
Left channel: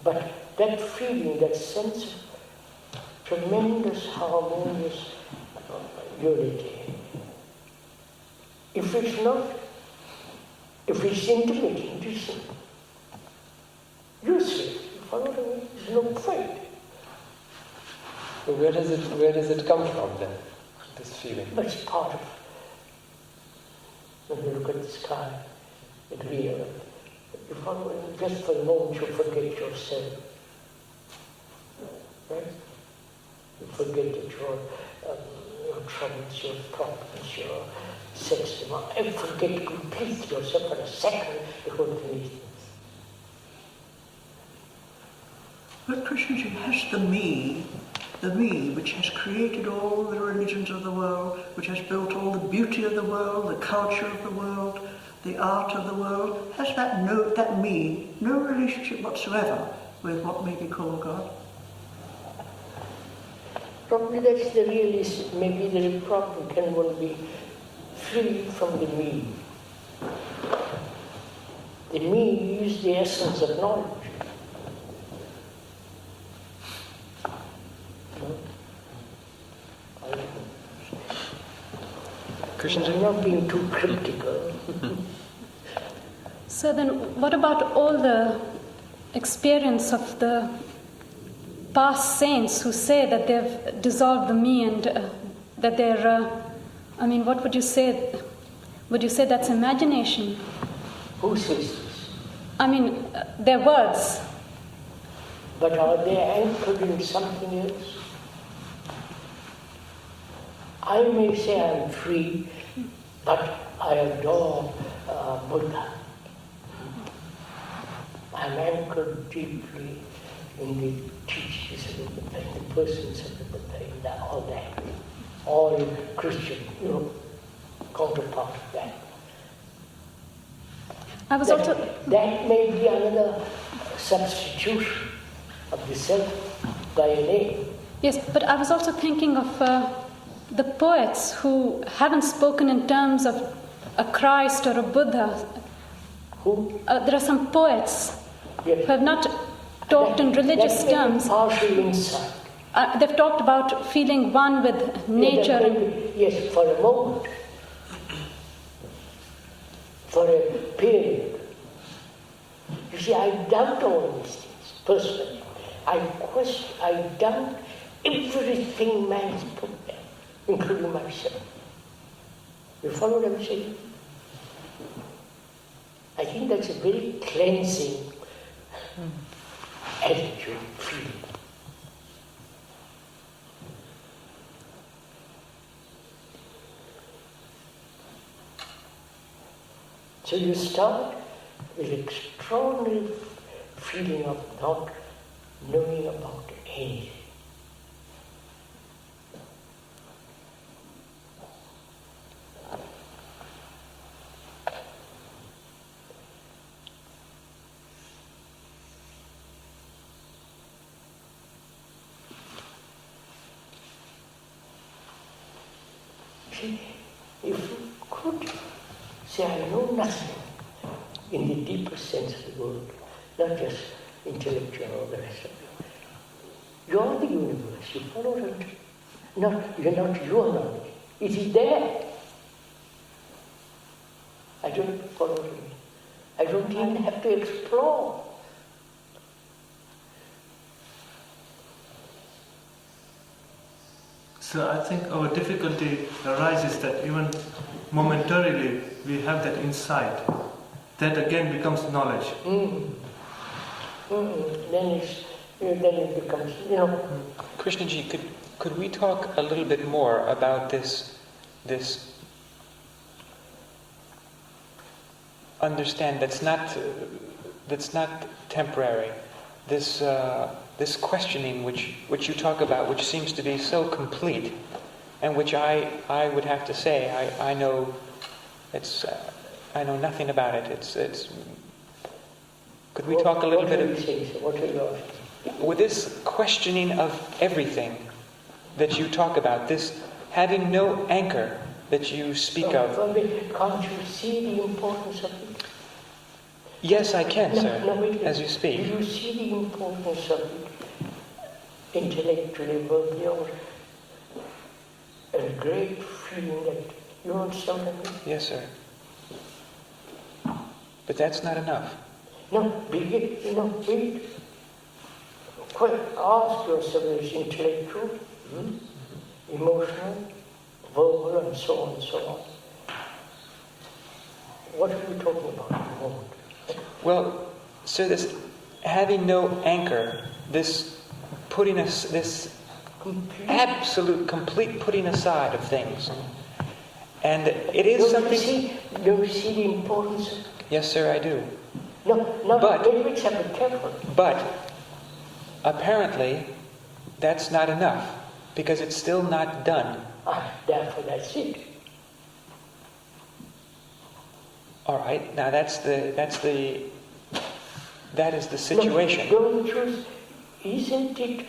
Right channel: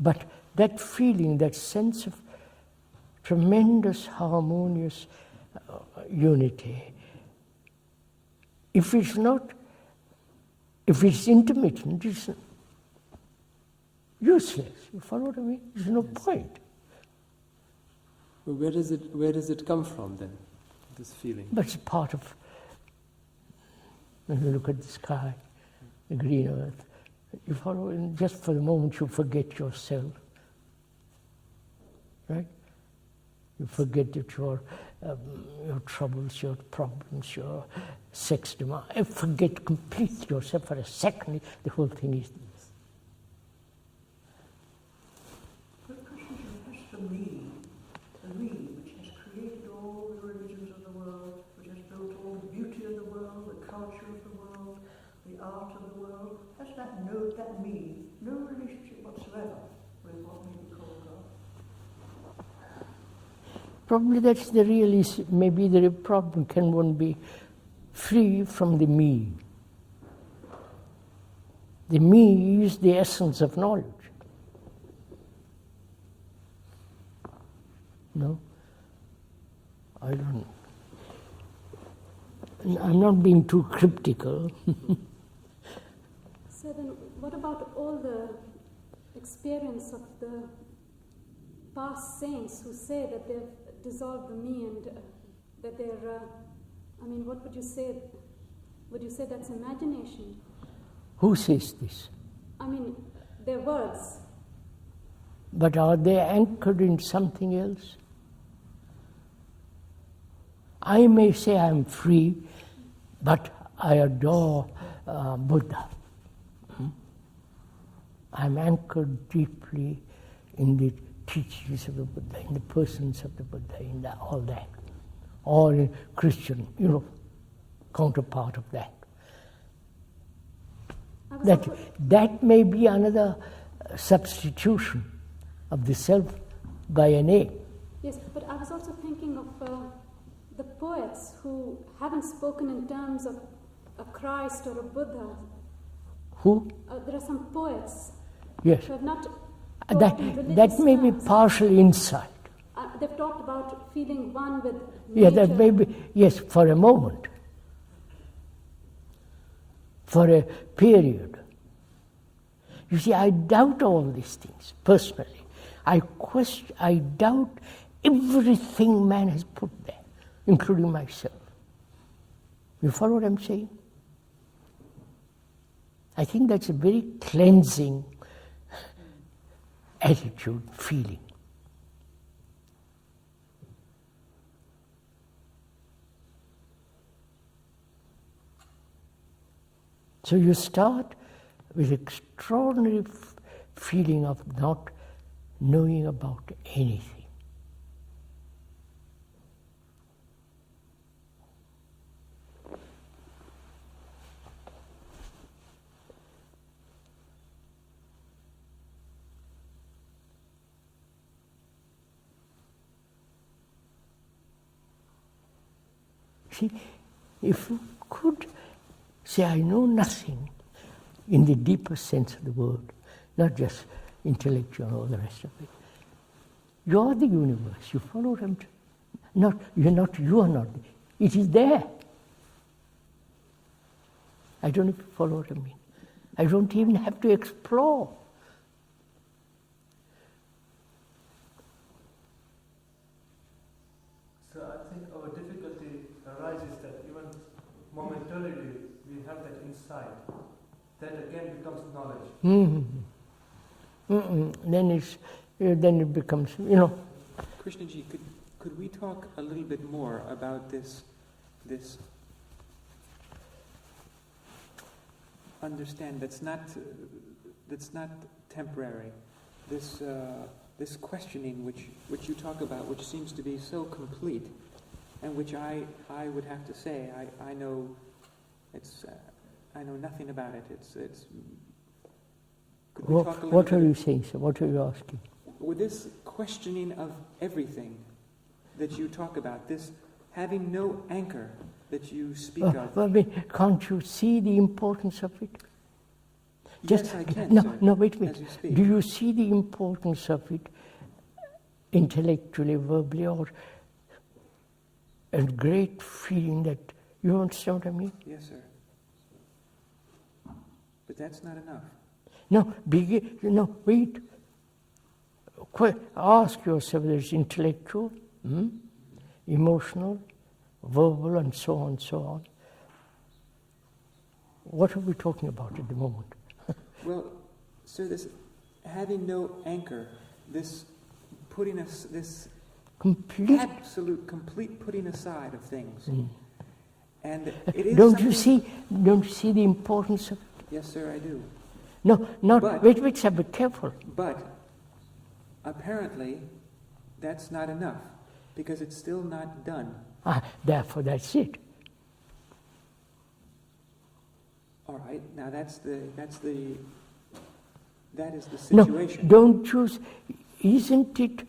But that feeling, that sense of tremendous harmonious unity, if it's intermittent, it's useless. You follow what I mean? There's no point. So where does it come from then, this feeling? But it's part of, when you look at the sky, the green earth, you follow, just for a moment you forget yourself. Right? You forget that your troubles, your problems, your sex demand. You forget completely yourself for a second, the whole thing is. But Krishnaji has the me, which has created all the religions of the world, which has built all the beauty of the world, the culture of the world, the art of the world, has that me no relationship whatsoever with what may be called God? Probably that's the real issue. Maybe the problem, can one be free from the me? The me is the essence of knowledge. No? I don't know. I'm not being too critical. So then, what about all the experience of the past saints who say that they've dissolved the me and that they're, what would you say? Would you say that's imagination? Who says this? Their words. But are they anchored in something else? I may say I'm free, but I adore Buddha. I'm anchored deeply in the teachings of the Buddha, in the persons of the Buddha, in all that. All Christian, counterpart of that. That may be another substitution of the self by an A. Yes, but I was also thinking of the poets who haven't spoken in terms of a Christ or a Buddha. Who? There are some poets Yes. who have not talked in religious that may terms. be partial insight. They've talked about feeling one with Yeah, nature. that may be, yes, for a moment. For a period. You see, I doubt all these things, personally. I doubt everything man has put there, including myself. You follow what I'm saying? I think that's a very cleansing attitude, feeling. So you start with extraordinary feeling of not knowing about anything. See, if you could say, I know nothing in the deeper sense of the word, not just intellectual or the rest of it. You are the universe, you follow it. You're not your knowledge. It is there. I don't have to follow it. I don't even have to explore. So I think our difficulty arises that even momentarily we have that insight. That again becomes knowledge. Then it becomes, Krishnaji, could we talk a little bit more about this understand that's not temporary, this questioning which you talk about, which seems to be so complete, and which I would have to say I know I know nothing about it. It's. Could we talk a little bit? What are you saying? So what are you asking? With this questioning of everything that you talk about, this having no anchor that you speak of. Can't you see the importance of it? Yes, I can, sir. No, wait. As you speak. Do you see the importance of it intellectually, verbally, or a great feeling that you understand what I mean? Yes, sir. But that's not enough. No, wait. Ask yourself, is intellectual, emotional, verbal, and so on and so on. What are we talking about at the moment? Well, sir, this having no anchor, this putting this complete putting aside of things, and it is something. Don't you see the importance of? Yes, sir, I do. Wait, sir, be careful. But apparently, that's not enough because it's still not done. Therefore, that's it. All right. Now that is the situation. No, don't choose. Isn't it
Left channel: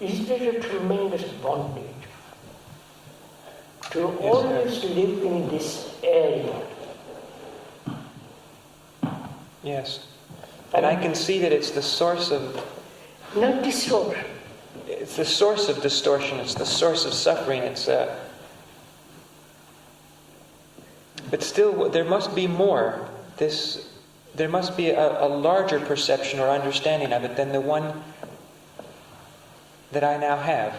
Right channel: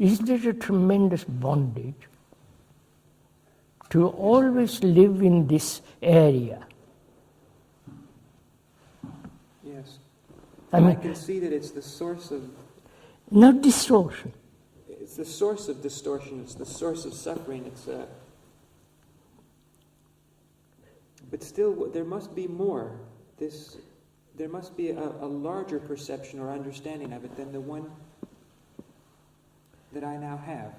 a tremendous bondage to always live in this area? Yes. And I can see that it's the source of... Not distortion. It's the source of distortion. It's the source of suffering. But still, there must be more. There must be a larger perception or understanding of it than the one that I now have.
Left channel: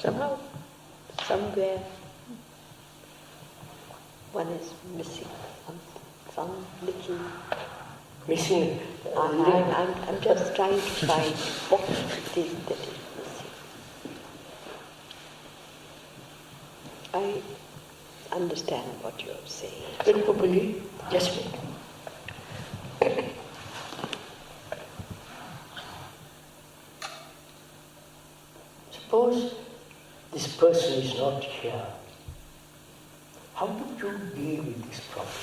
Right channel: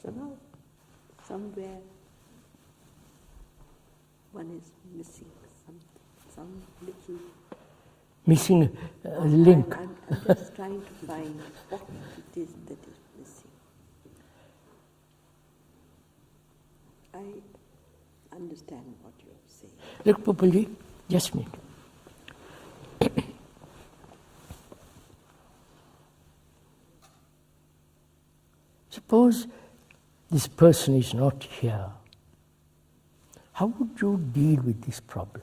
Somehow, somewhere, one is missing some little... Missing link. I'm just trying to find what it is that is missing. I understand what you're saying. Look, Populi, just wait. Suppose this person is not here. How would you deal with this problem?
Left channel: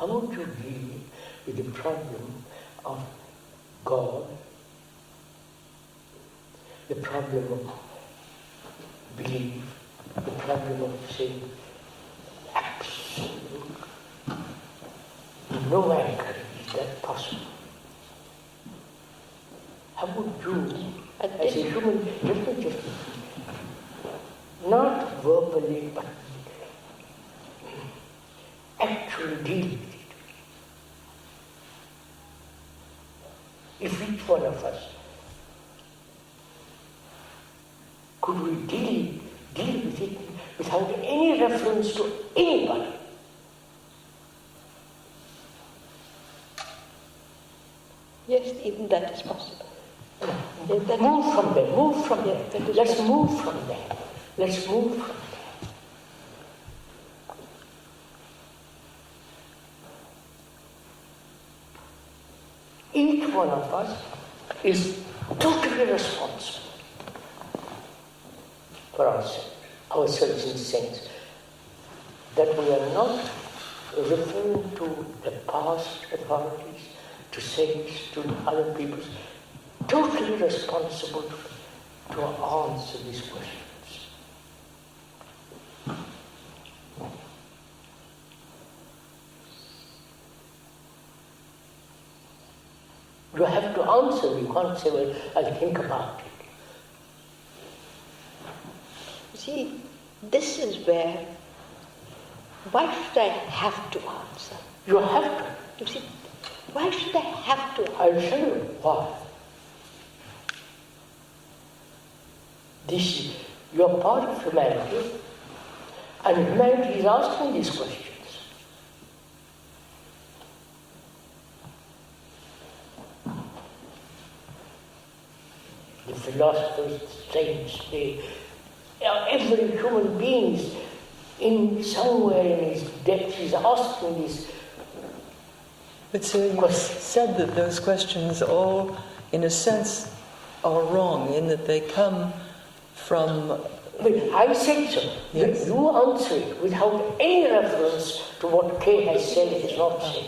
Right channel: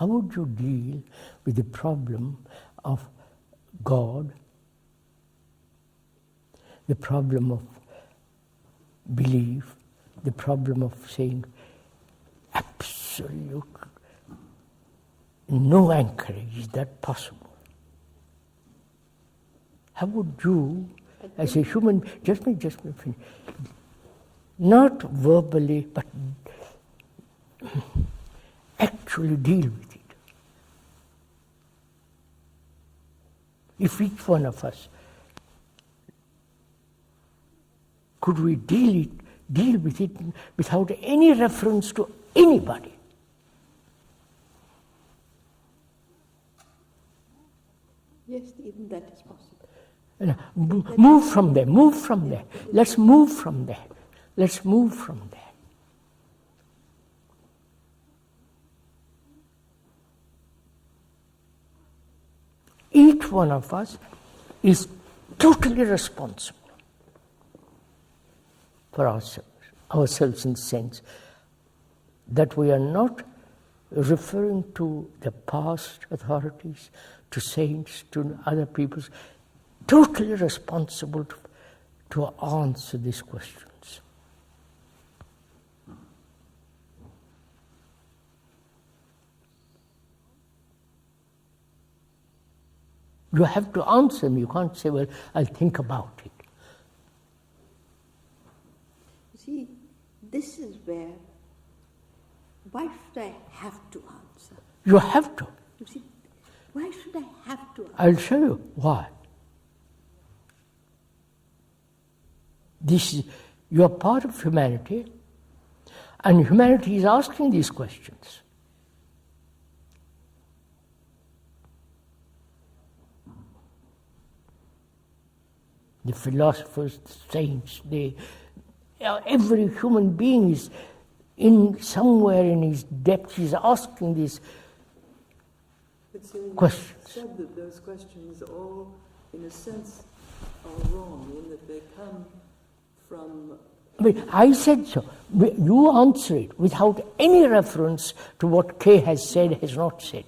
How would you deal with the problem of God, the problem of belief, the problem of saying absolute no anchoring, is that possible? How would you, as a human, just not verbally, but actually deal with it? If each one of us could we deal with it without any reference to anybody? Yes, even that is possible. Move from there, move from there. Let's move from there. Let's move from there. Each one of us is totally responsible for ourselves in the sense that we are not referring to the past authorities, to saints, to other people, totally responsible to answer these questions. You have to answer them. You can't say, well, I'll think about it. See, this is where, why should I have to answer? You have to. You see, why should I have to answer? I'll tell you why. You are part of humanity, and humanity is asking these questions. The philosophers, the saints, every human being is somewhere in his depth is asking these you said that those questions all, in a sense, are wrong, in that they come from... I said so. Yes. You answer it without any reference to what Kay has said, has not said.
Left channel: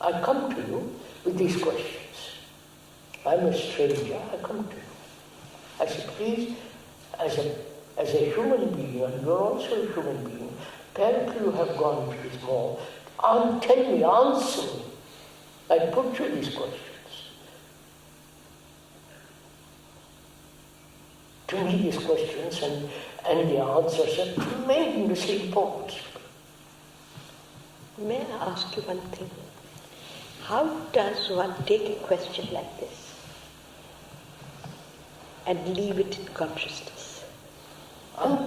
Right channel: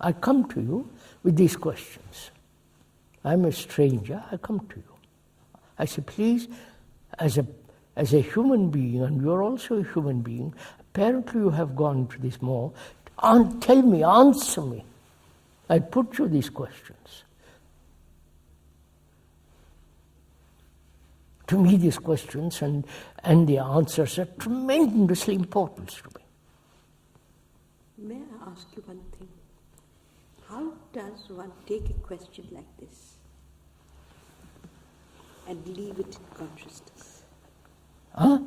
I come to you with these questions. I'm a stranger, I come to you. I say, please, as a human being, and you're also a human being, apparently you have gone into this more, tell me, answer me. I put you these questions. To me, these questions and the answers are tremendously important. May I ask you one thing? How does one take a question like this and leave it in consciousness? Huh?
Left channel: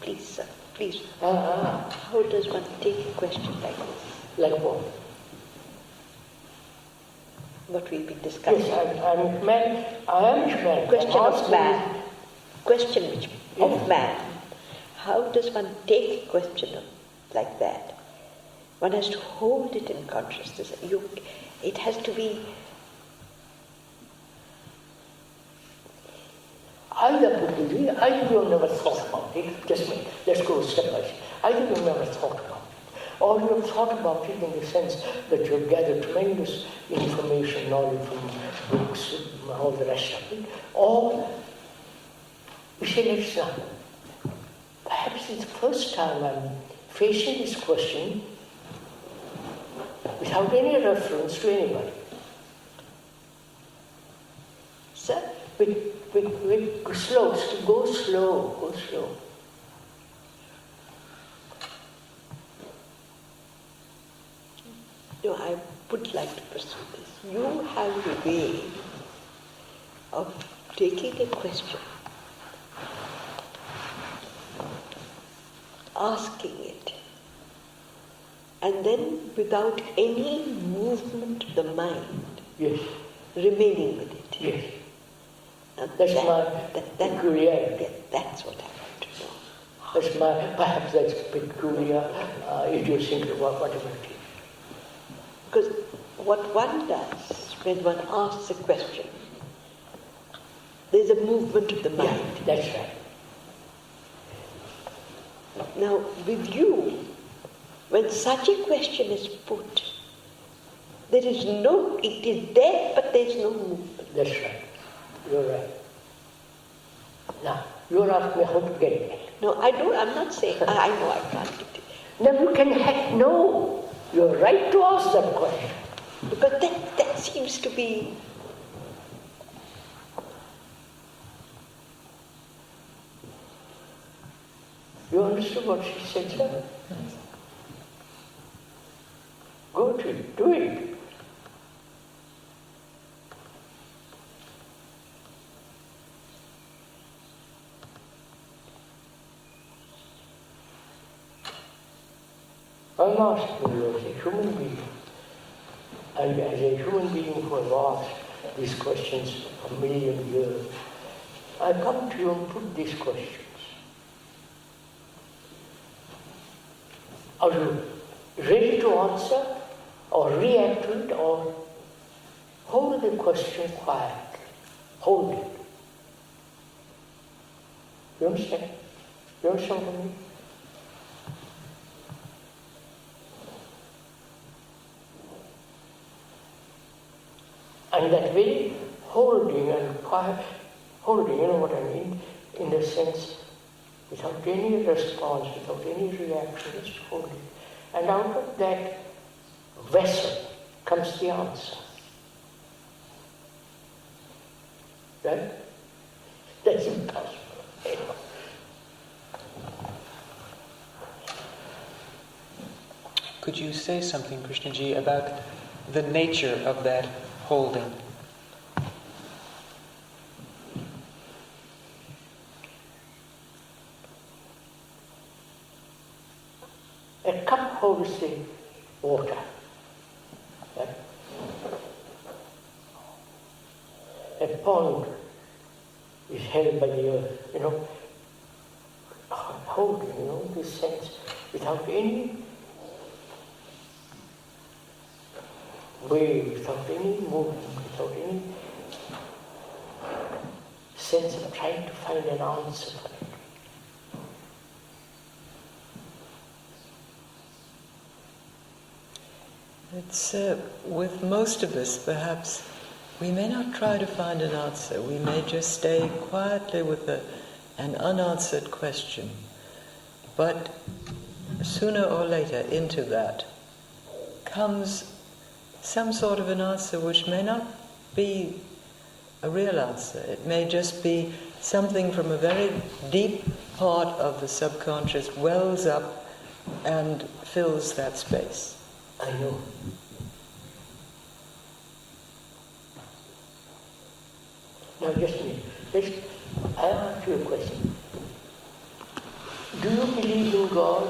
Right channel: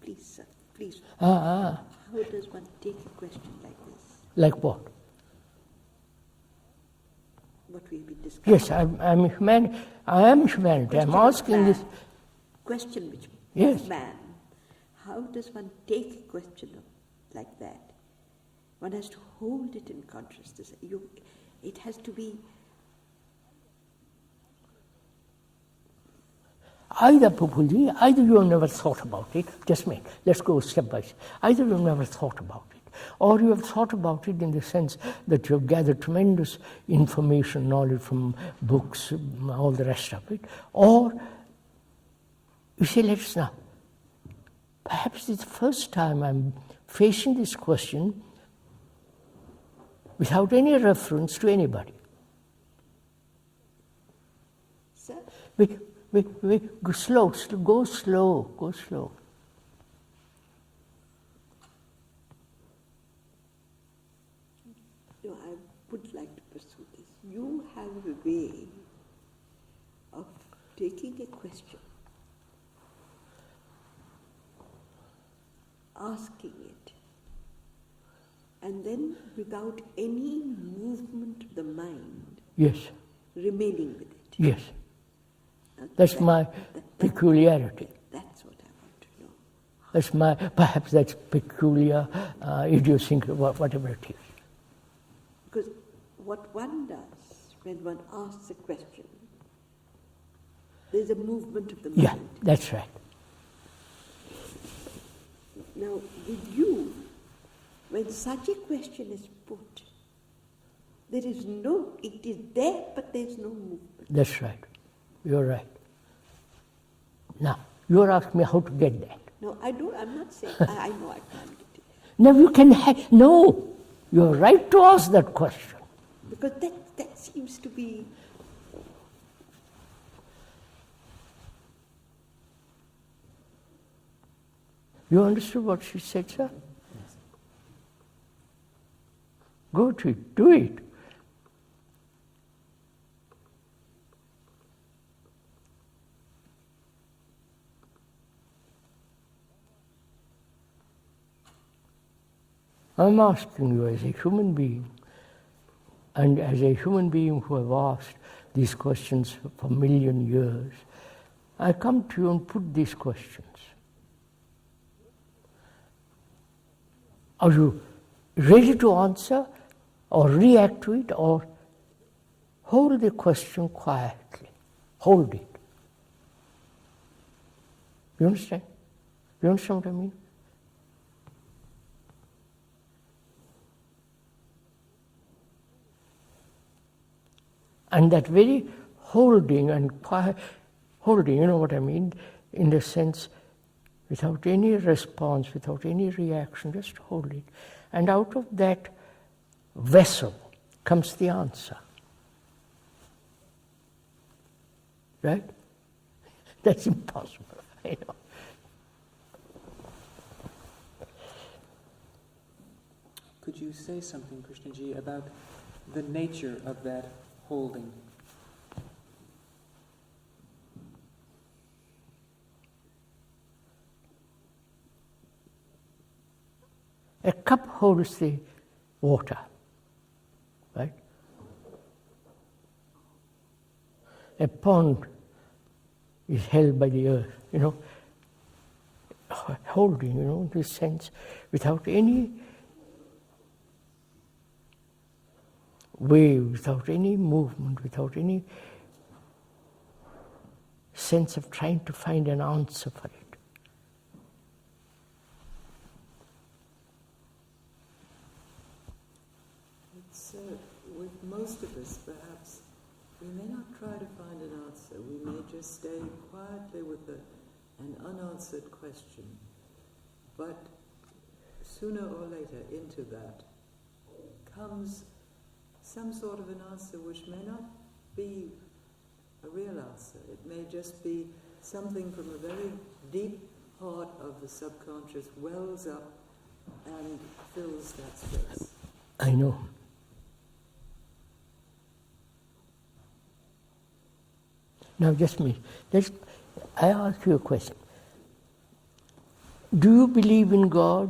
Please, sir, please. How does one take a question like this? Like what? What we've been discussing. Yes, I'm human. I am humanity. Question I'm asking of man. this. Question of man. How does one take a question like that? One has to hold it in consciousness. It has to be... Either you have never thought about it, just me, let's go step by step. Either you have never thought about it, or you have thought about it in the sense that you have gathered tremendous information, knowledge from books, and all the rest of it, or you say, perhaps it's the first time I'm facing this question without any reference to anybody. Sir? Go slow, go slow. No, I would like to pursue this. You have a way of taking a question, asking it, and then without any movement of the mind, yes, remaining with it. Yes. That's my peculiarity. That's what I want to know. Perhaps that's peculiar, idiosyncrasy, whatever it is. Because what one does when one asks a question, there's a movement of the mind. Yeah, that's right. Now, with you, when such a question is put, there is no, it is there, but there is no movement. That's right. You're right. Now, you're asking me how to get that. No, I'm not saying, I know I can't get it. Now you can have, no, you're right to ask that question. But that seems to be, You understood what she said, sir? Go to it, do it. I'm asking you as a human being, and as a human being who have asked these questions for a million years, I come to you and put these questions. Are you ready to answer, or react to it, or hold the question quietly? Hold it. You understand? You understand what I mean? And that very holding and quiet, holding, you know what I mean, in the sense, without any response, without any reaction, just hold it. And out of that vessel comes the answer. Right? That's impossible. You know. Could you say something, Krishnaji, about the nature of that holding? A cup holds the water, right? A pond is held by the earth, you know, holding, you know, this sense, without any wave, without any movement, without any sense of trying to find an answer for it. It's with most of us, perhaps, we may not try to find an answer. We may just stay quietly with an unanswered question. But sooner or later, into that comes some sort of an answer which may not be a real answer. It may just be something from a very deep part of the subconscious wells up and fills that space. I know. Now just a minute. I ask you a question. Do you believe in God?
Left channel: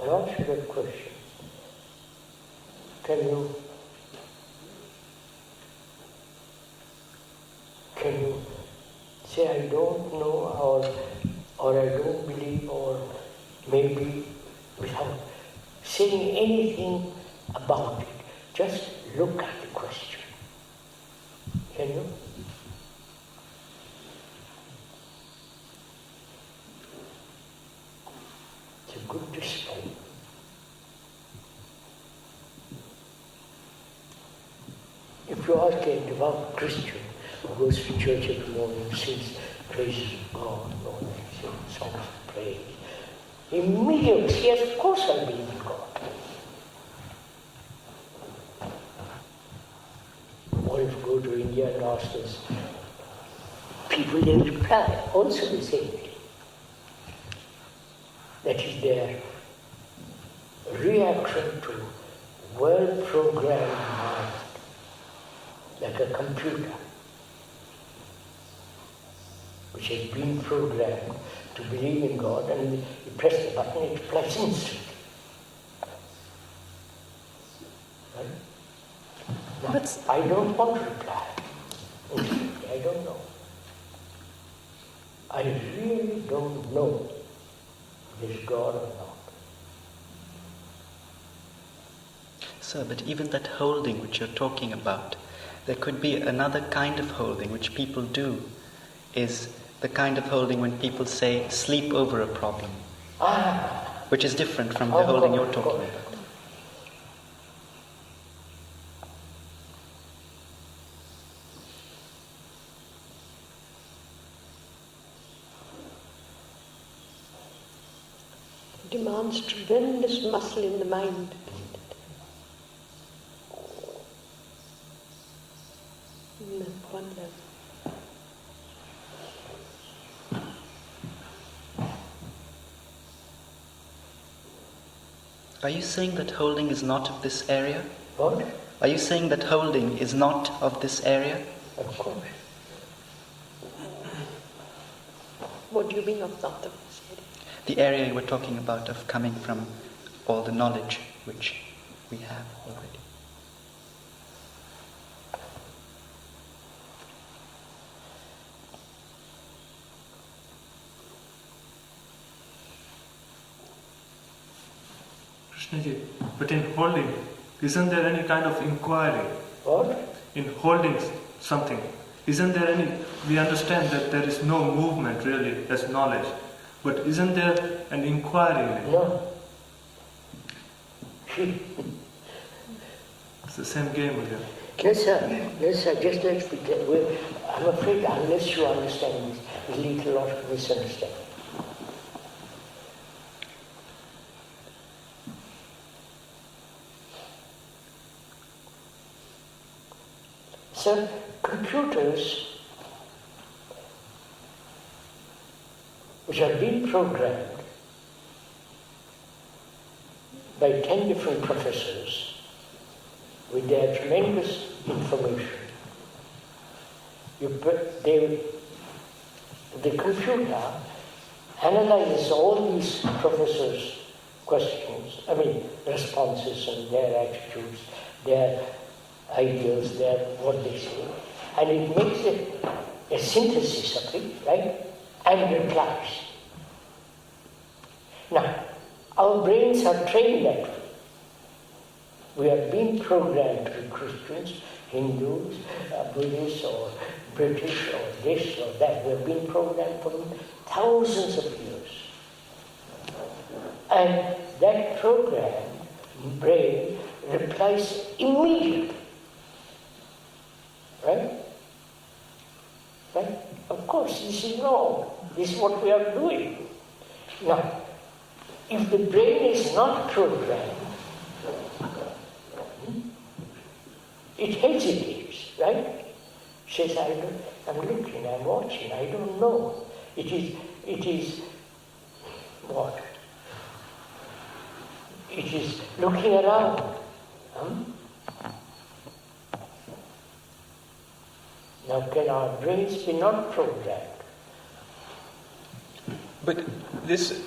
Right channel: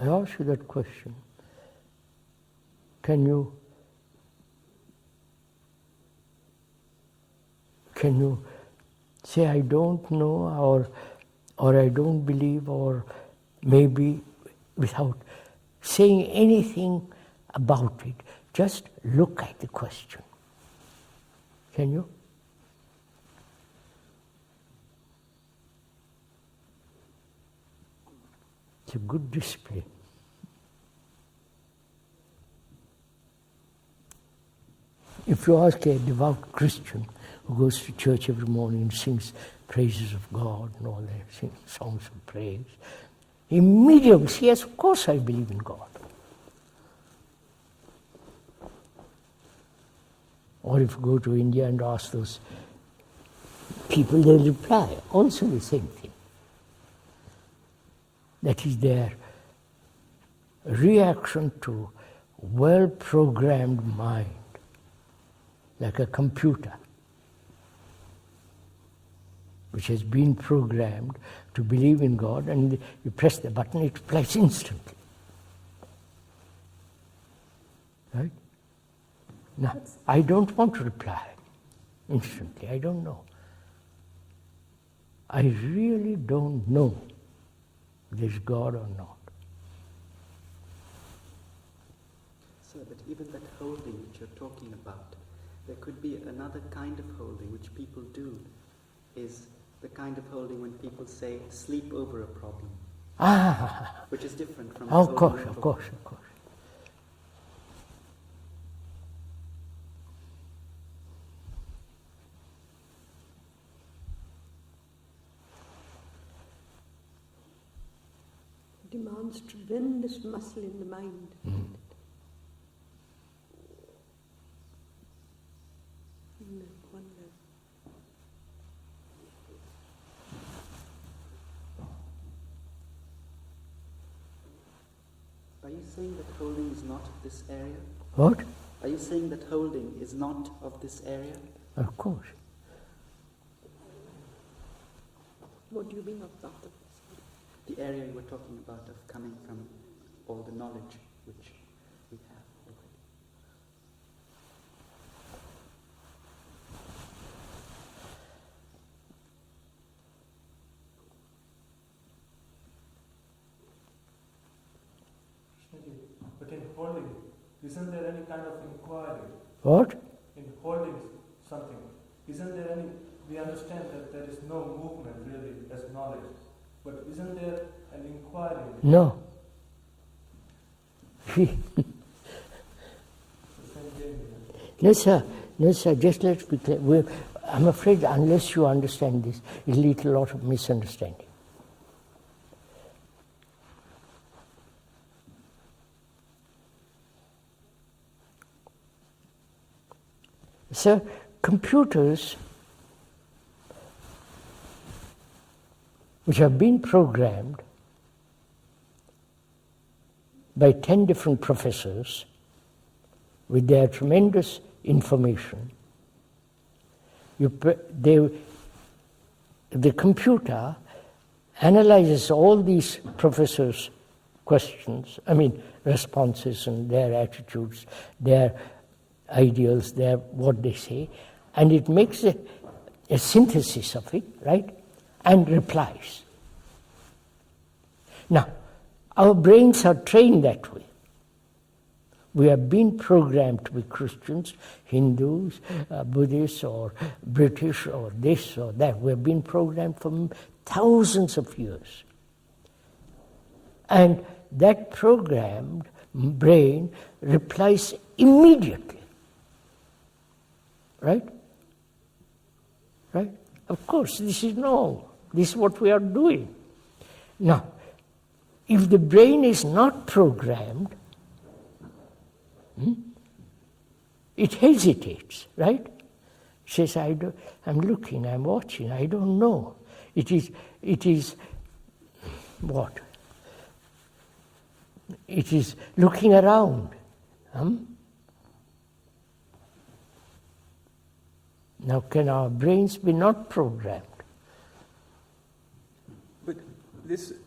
I ask you that question. Can you say I don't know, or I don't believe, or maybe without saying anything about it, just look at the question? Can you? It's a good discipline. If you ask a devout Christian who goes to church every morning and sings praises of God and all that, sings songs of praise, immediately says, yes, of course I believe in God. Or if you go to India and ask those people, they reply also the same thing. That is their reaction to well-programmed mind, like a computer, which has been programmed to believe in God, and you press the button, it replies instantly. Right? Now, I don't want to reply instantly, I don't know. I really don't know. there's God or not. Sir, but even that holding which you're talking about, there could be another kind of holding which people do, is the kind of holding when people say sleep over a problem, which is different from the holding you're talking about. Demands tremendous muscle in the mind. At one level. Are you saying that holding is not of this area? What? Are you saying that holding is not of this area? Of course. What do you mean of not the The area you were talking about of coming from all the knowledge which we have already. Krishnaji, but in holding, isn't there any kind of inquiry? What? In holding something, isn't there any, we understand that there is no movement really as knowledge, but isn't there an inquiry in it? No. It's the same game again. No, sir. No, sir. Just let's pretend. I'm afraid unless you understand this, it'll lead to a lot of misunderstanding. Sir, computers which have been programmed by 10 different professors with their tremendous information, the computer analyzes all these professors' responses and their attitudes, their ideals, what they say, and it makes a synthesis of it, right, and replies. Now, our brains are trained that way. We have been programmed to be Christians, Hindus, Buddhists, or British, or this or that. We have been programmed for thousands of years. And that programmed brain replies immediately. Right? Right? Of course, this is wrong. This is what we are doing. Now, if the brain is not programmed, it hesitates, right? It says, I'm looking, I'm watching, I don't know. It is what? It is looking around. Now, can our brains be not programmed? But this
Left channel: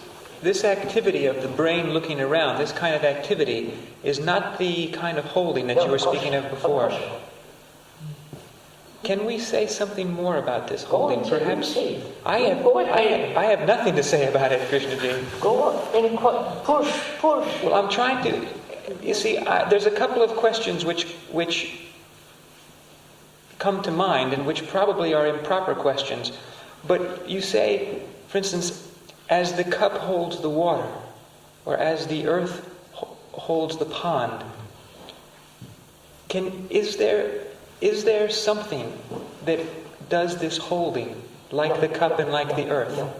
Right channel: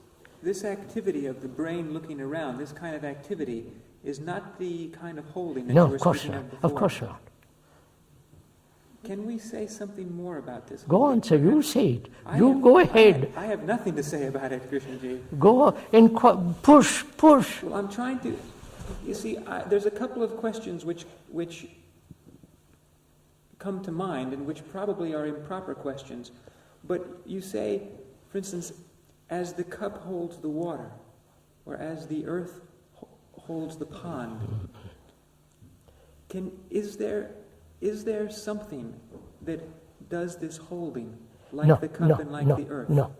activity of the brain looking around, this kind of activity, is not the kind of holding that you were speaking of before. Of course not. Can we say something more about this Go holding? on, sir, you say it. Go I ahead. have nothing to say about it, Krishnaji. Go on and push. Well, I'm trying to... You see, there's a couple of questions which come to mind and which probably are improper questions. But you say, for instance, as the cup holds the water, or as the earth holds the pond, is there something that does this holding, like the cup and like the earth? No.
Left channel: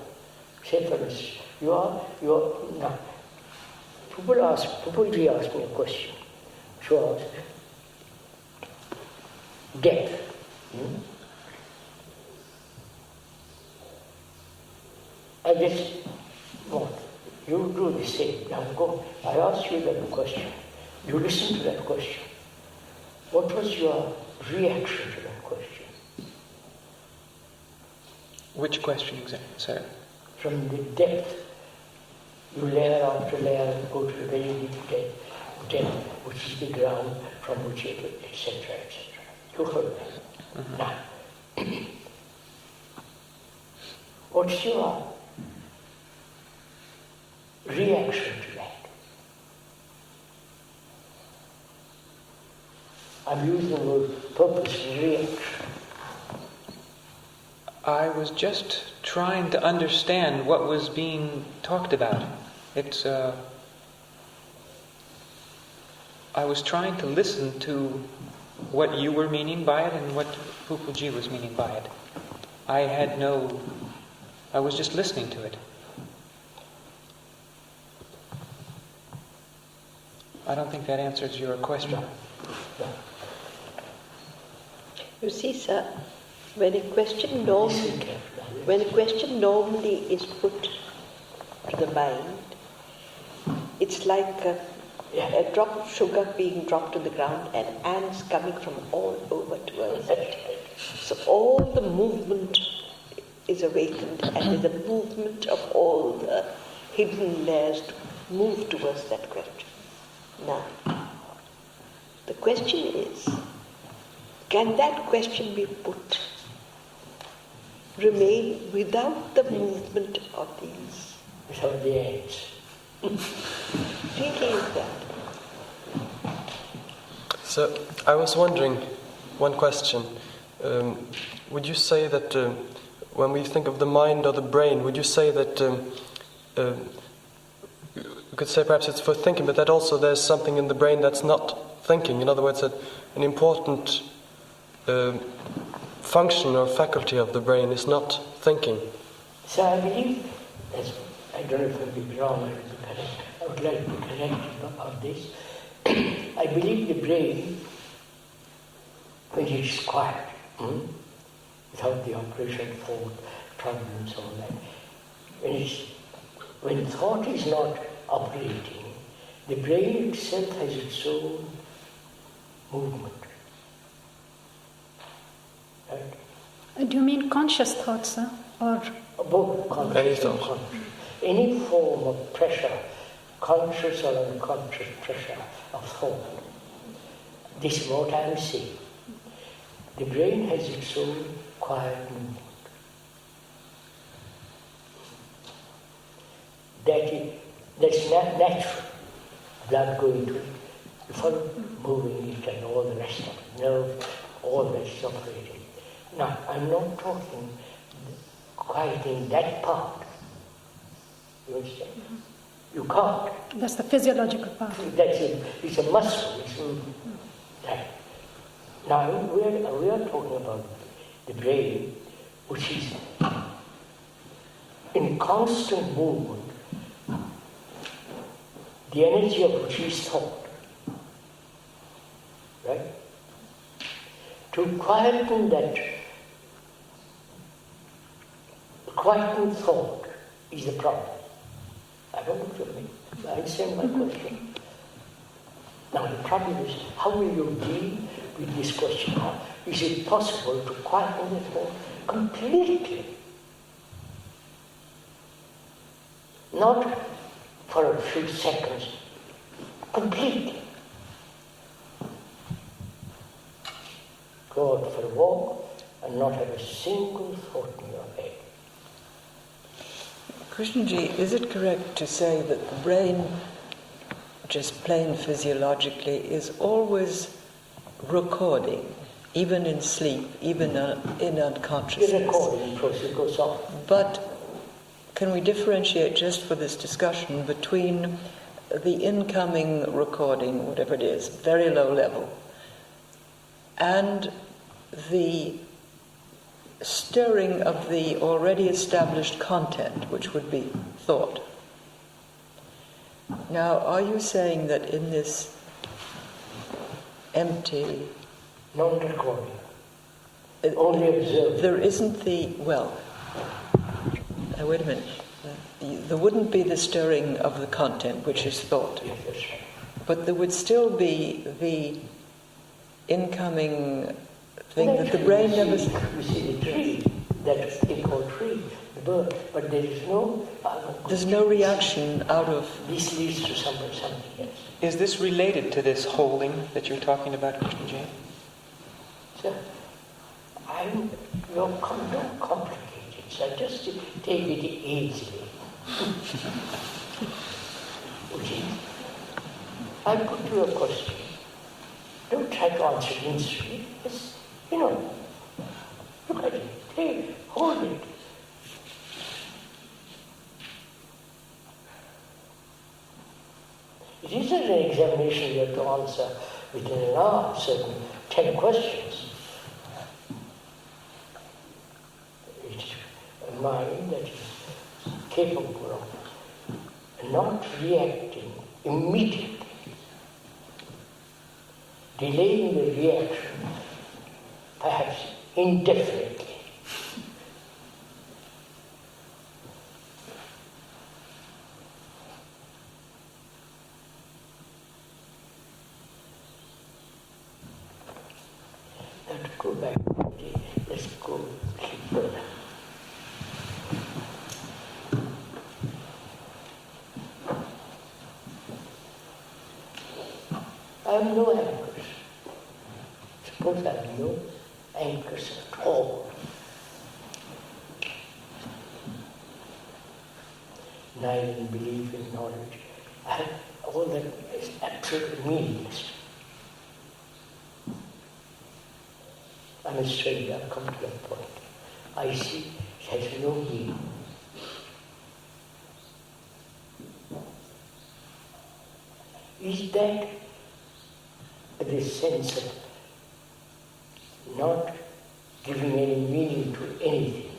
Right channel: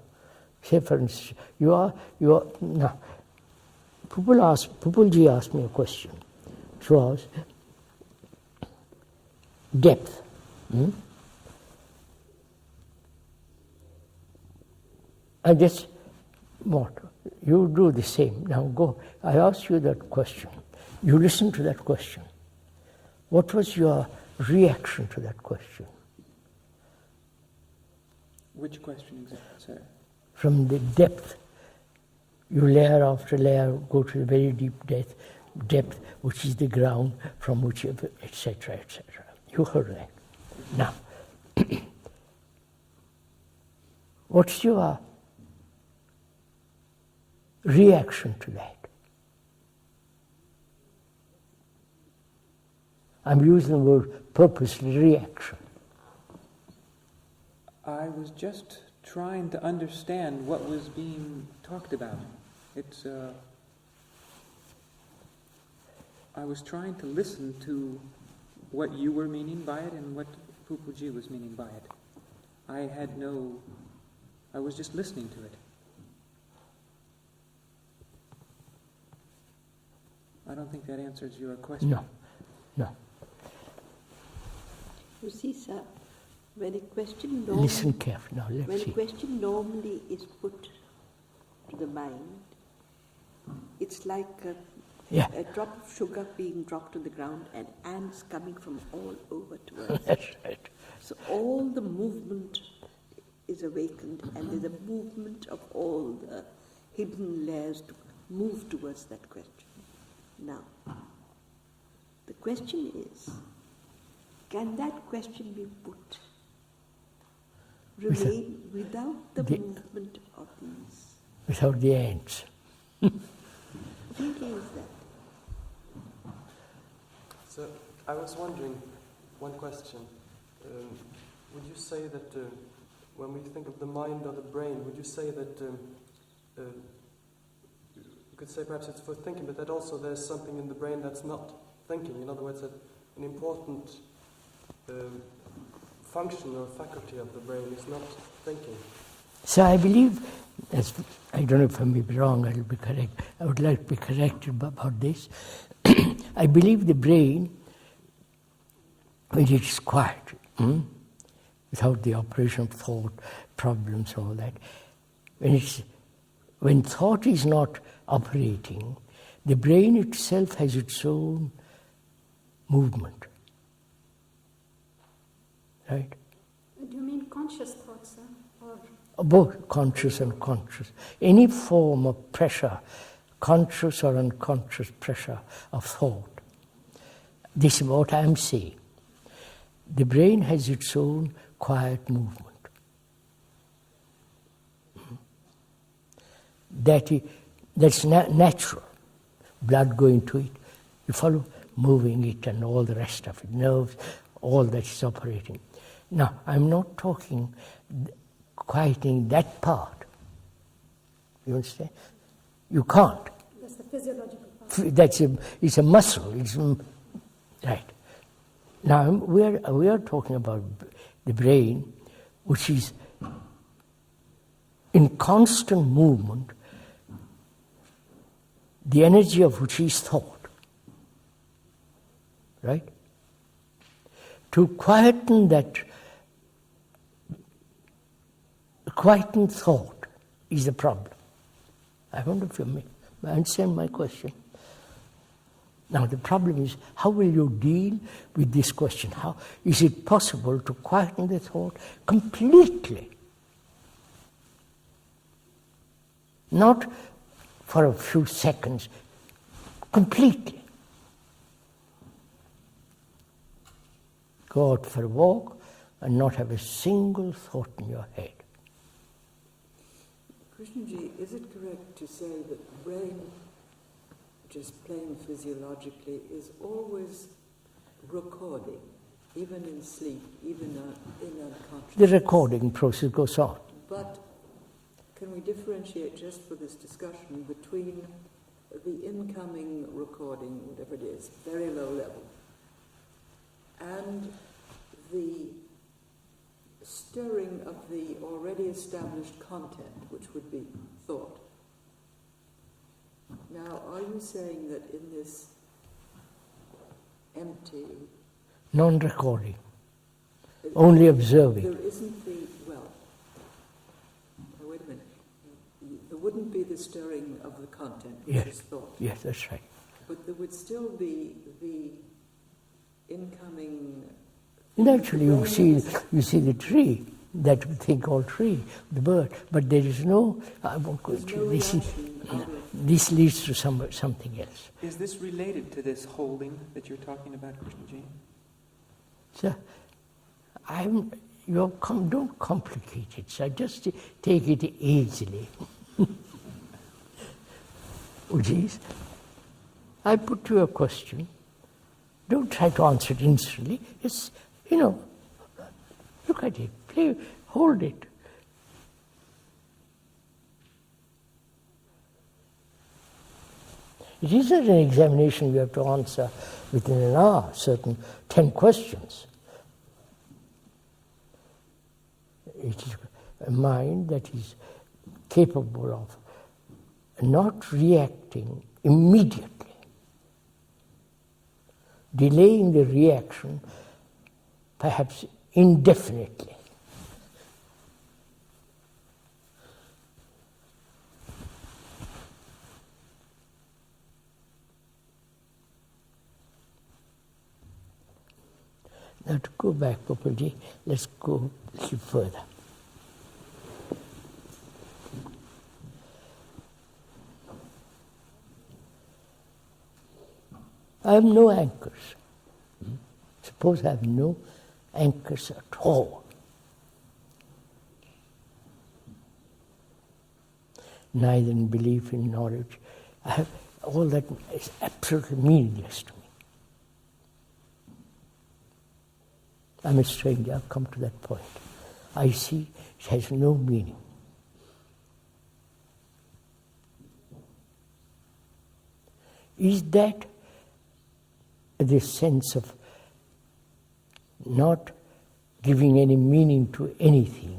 Say for instance, you are no. Pupulji asked me a question, which was depth. And this, what? You do the same. Now go. I asked you that question. You listen to that question. What was your reaction to that question? Which question exactly, sir? From the depth, you layer after layer go to the very deep depth, which is the ground from which, etc., etc. You heard that. Now, reaction to that. I'm using the word purposely, reaction. I was just trying to understand what was being talked about. I was trying to listen to what you were meaning by it and what Pupuji was meaning by it. I was just listening to it. I don't think that answers your question. No. You see, sir, when a question Listen carefully. when a question normally is put to the mind, it's like a drop of sugar being dropped to the ground and ants coming from all over towards it. So all the movement is awakened, and there's a movement of all the hidden layers to move towards that question. Now, the question is, can that question be put, remain without the movement of these? Without the ants. Really is that? So I was wondering, one question. Would you say that when we think of the mind or the brain, would you say that you could say perhaps it's for thinking, but that also there's something in the brain that's not thinking? In other words, that an important function or faculty of the brain is not thinking. So I believe, I don't know if I'm wrong, I will be correct. I would like to be corrected about this. I believe the brain, when it's quiet, without the operation of thought, problems, all that, when thought is not operating, the brain itself has its own movement. Right? Do you mean conscious thoughts, sir? Or both conscious and unconscious. Any form of pressure, conscious or unconscious pressure of thought. This is what I am saying. The brain has its own quiet movement. That's natural. Blood going to it, you follow, moving it and all the rest of it, nerves, all that is operating. Now, I'm not talking quieting that part. You understand? You can't. that's the physiological part. It's a muscle. Right. Now, we are talking about the brain, which is in constant movement, the energy of which is thought. Right? To quieten thought is the problem. I wonder if you understand my question. Now the problem is, how will you deal with this question? Is it possible to quieten the thought completely? Not for a few seconds, completely. Go out for a walk and not have a single thought in your head. Krishnaji, is it correct to say that the brain, just plain physiologically, is always recording, even in sleep, even in unconsciousness? The recording process goes on. But can we differentiate, just for this discussion, between the incoming recording, whatever it is, very low level, and the stirring of the already established content, which would be thought? Now, are you saying that in this empty... Non-recording, only observing. There isn't wait a minute. There wouldn't be the stirring of the content, which is thought. Yes, that's right. But there would still be the incoming thing that the brain you see the tree, that thing called tree, the bird, but there is no... There's no reaction out of... This leads to something else. Is this related to this holding that you're talking about, Krishnaji? So, don't complicate it, so just take it easily. which is, I put you a question. Don't try to answer it instantly. Just, look at it, play, hold it. It isn't an examination you have to answer within an hour, certain 10 questions. It is a mind that is capable of not reacting immediately, delaying the reaction perhaps indefinitely. Now to go back, Prabhuji, let's go a little further. I have no anchors. Suppose I have no anchors at all. Neither in belief, in knowledge. All that is absolutely meaningless. I'm a stranger, I've come to that point. I see it has no meaning. Is that the sense of not giving any meaning to anything?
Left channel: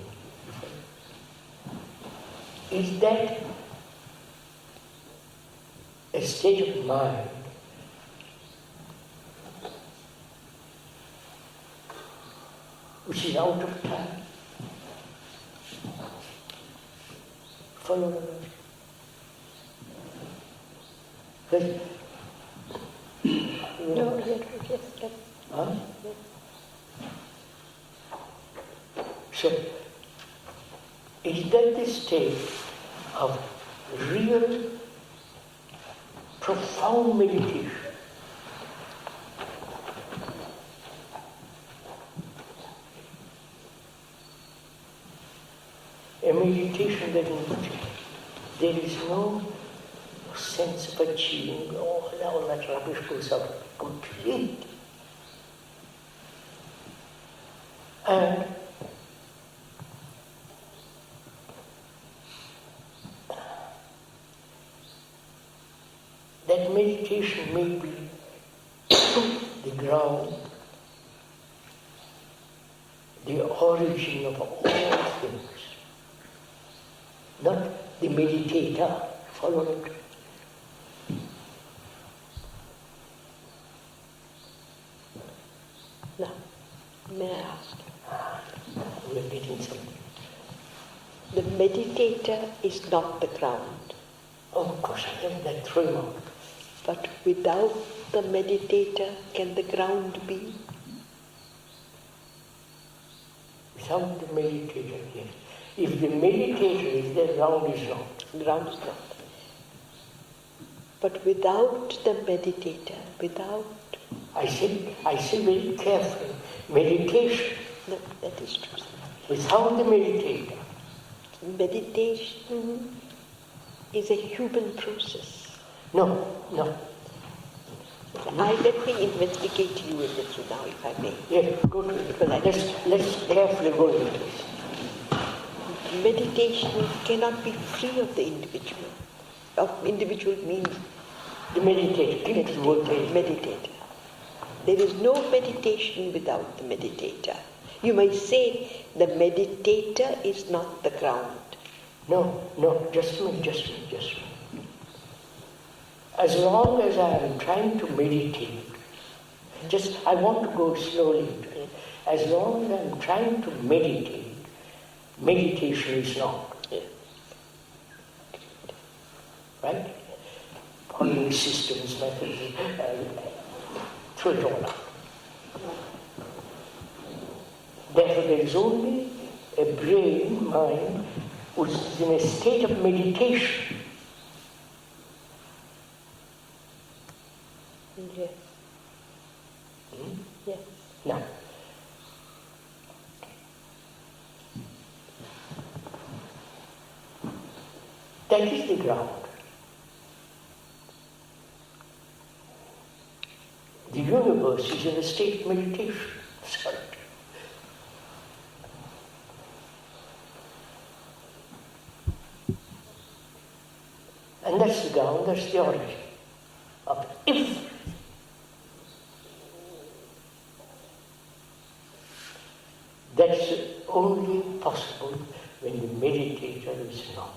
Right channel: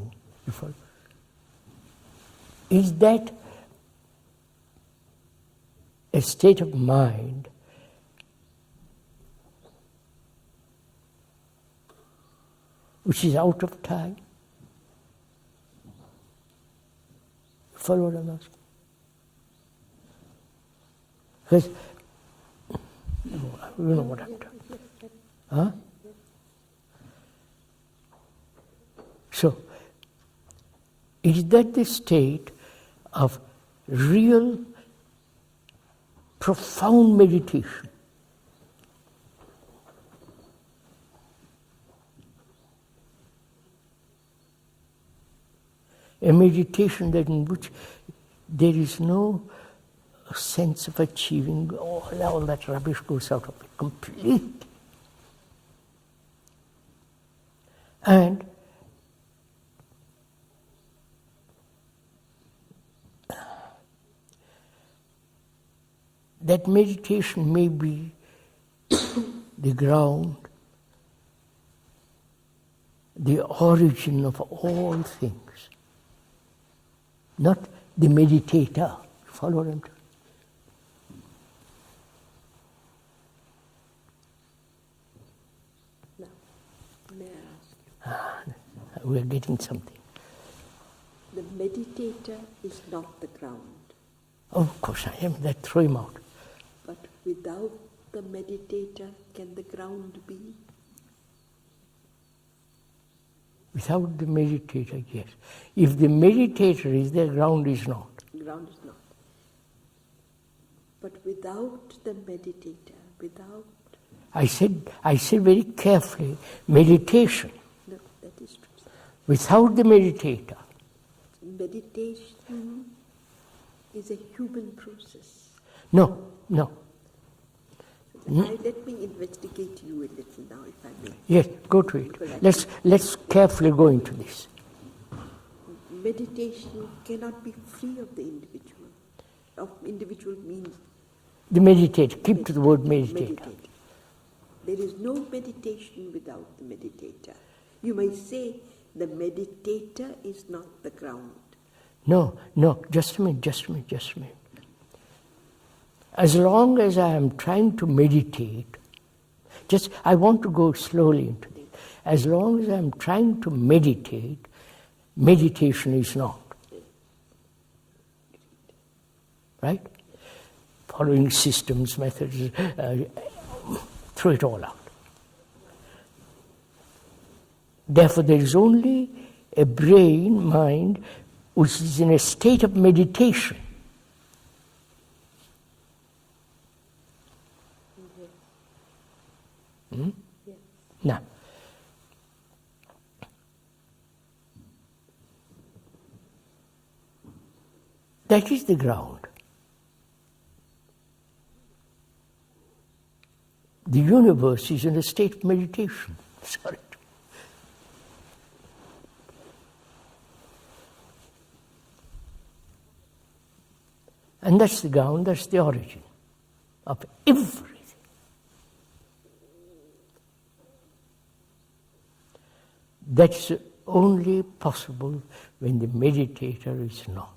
Is that a state of mind which is out of time? Follow the message. Because No, yes. Huh? So, is that the state of real, profound meditation? A meditation that in which there is no sense of achieving, all that rubbish goes out of it completely. And that meditation may be the ground, the origin of all things, not the meditator. Follow it. Now, may I ask? We're getting something. The meditator is not the ground. Of course, I am that throw him out. But without the meditator, can the ground be? Without the meditator, yes. If the meditator is there, ground is not. Ground is not. But without the meditator, without... I said very carefully, meditation. No, that is true. Without the meditator. Meditation is a human process. No. Let me investigate you a little now, if I may. Yes, go to it. Let's carefully go into this. Meditation cannot be free of the individual. Of individual means the meditator. Keep to the word meditator. There is no meditation without the meditator. You might say the meditator is not the ground. No, just a minute. As long as I am trying to meditate, I want to go slowly into it. As long as I am trying to meditate, meditation is not. Right? Following systems, methods, throw it all out. Therefore, there is only a brain, mind, which is in a state of meditation. Yes. Yes. Now, that is the ground. The universe is in a state of meditation. Sorry. And that's the ground, that's the origin of everything. That's only possible when the meditator is not.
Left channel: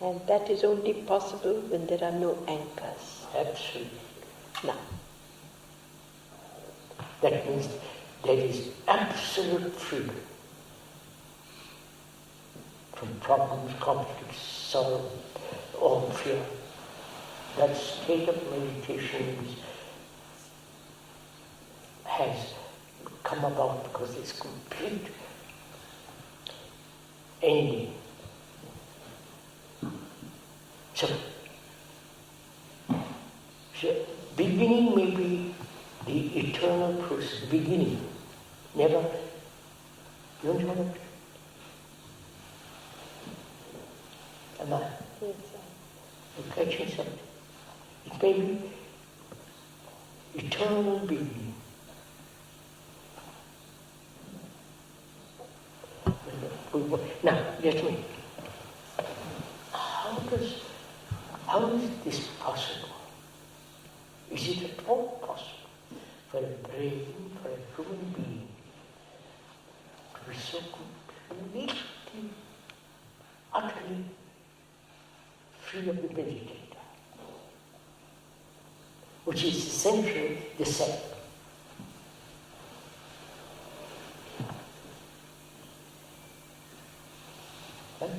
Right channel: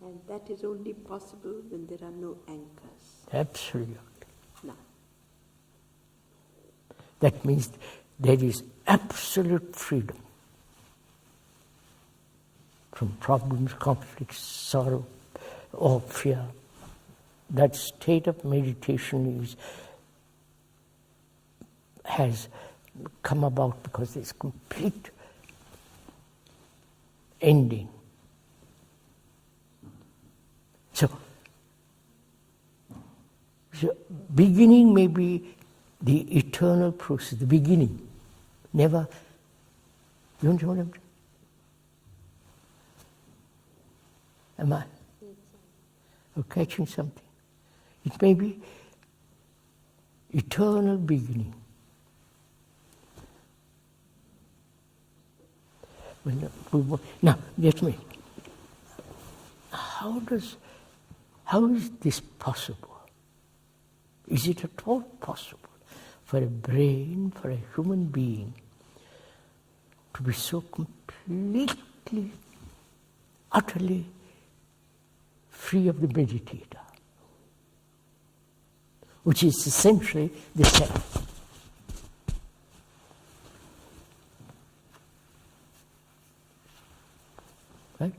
And that is only possible when there are no anchors. Absolutely. Now, That means there is absolute freedom from problems, conflicts, sorrow, or fear. That state of meditation has come about because there's complete ending. So, beginning may be the eternal process, the beginning. Never, you know what I'm saying? Am I? You're catching something. It may be eternal beginning. Now, let me. How is this possible? Is it at all possible for a brain, for a human being, to be so completely, utterly free of the meditator, which is essentially the self? Right?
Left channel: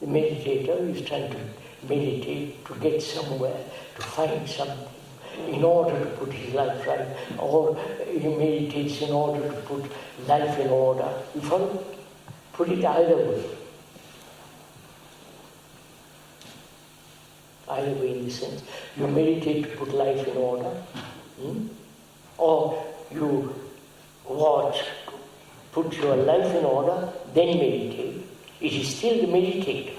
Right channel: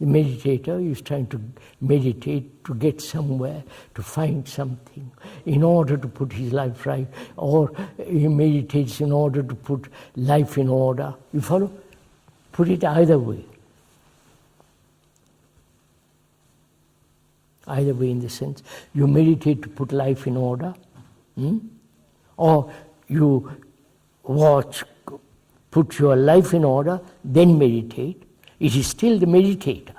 The meditator is trying to meditate to get somewhere, to find something, in order to put his life right, or he meditates in order to put life in order. You follow? Put it either way. Either way, in the sense, you meditate to put life in order, or you watch, put your life in order, then meditate. It is still the meditator.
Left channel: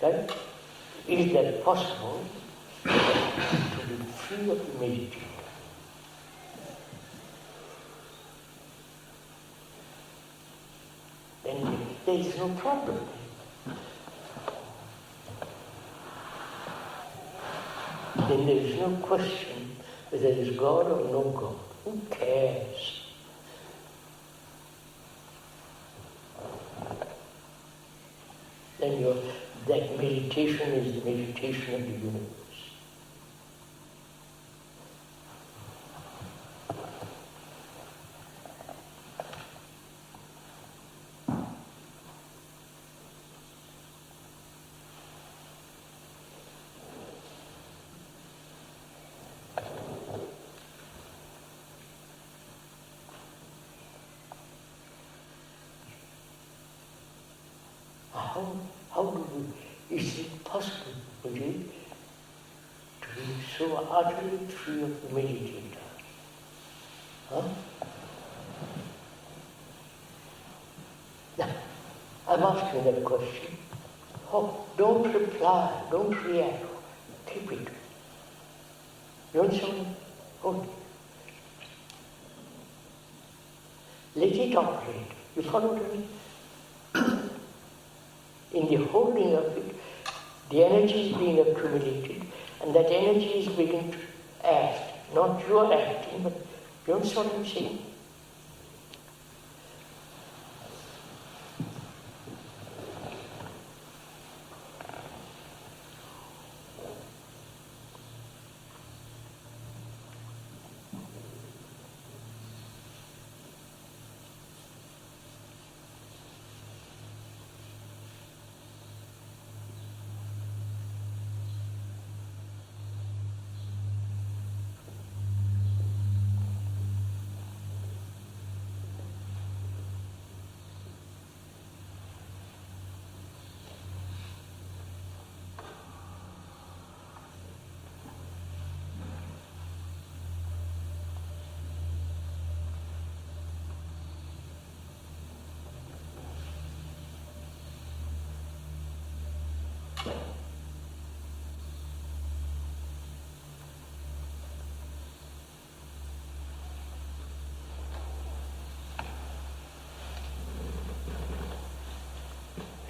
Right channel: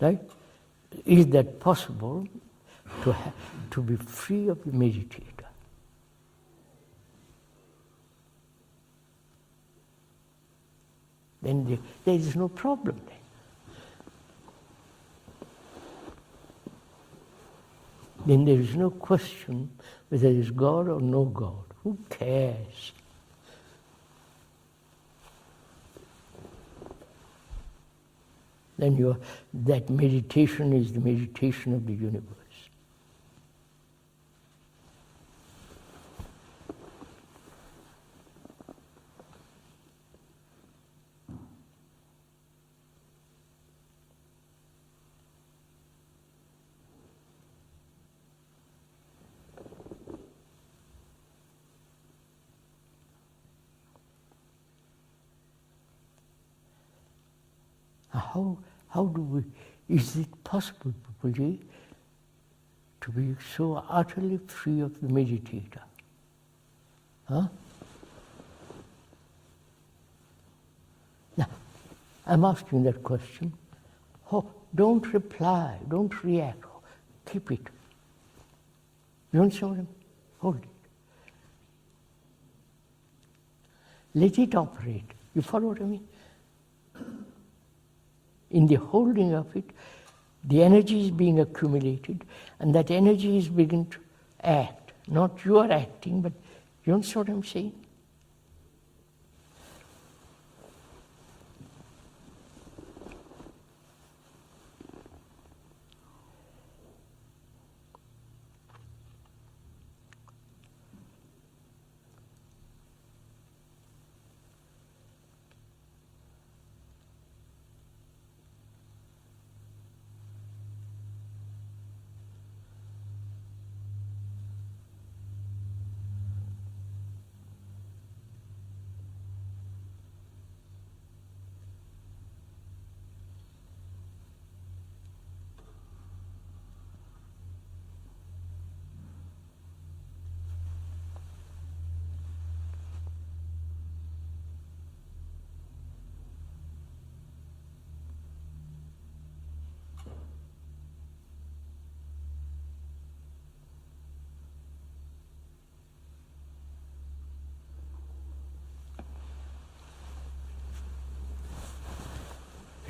Right? Is that possible to be free of the meditator? Then there is no problem. Then there is no question whether there is God or no God. Who cares? Then that meditation is the meditation of the universe. How do we, is it possible, Puji, to be so utterly free of the meditator? Huh? Now, I'm asking that question. Oh, don't reply, don't react, keep it. You understand? Hold it. Let it operate. You follow me? In the holding of it, the energy is being accumulated, and that energy is beginning to act. Not you are acting, but you understand what I'm saying?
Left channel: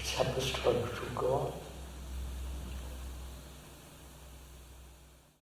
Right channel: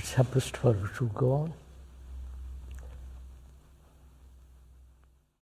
Let's have a struggle to go on.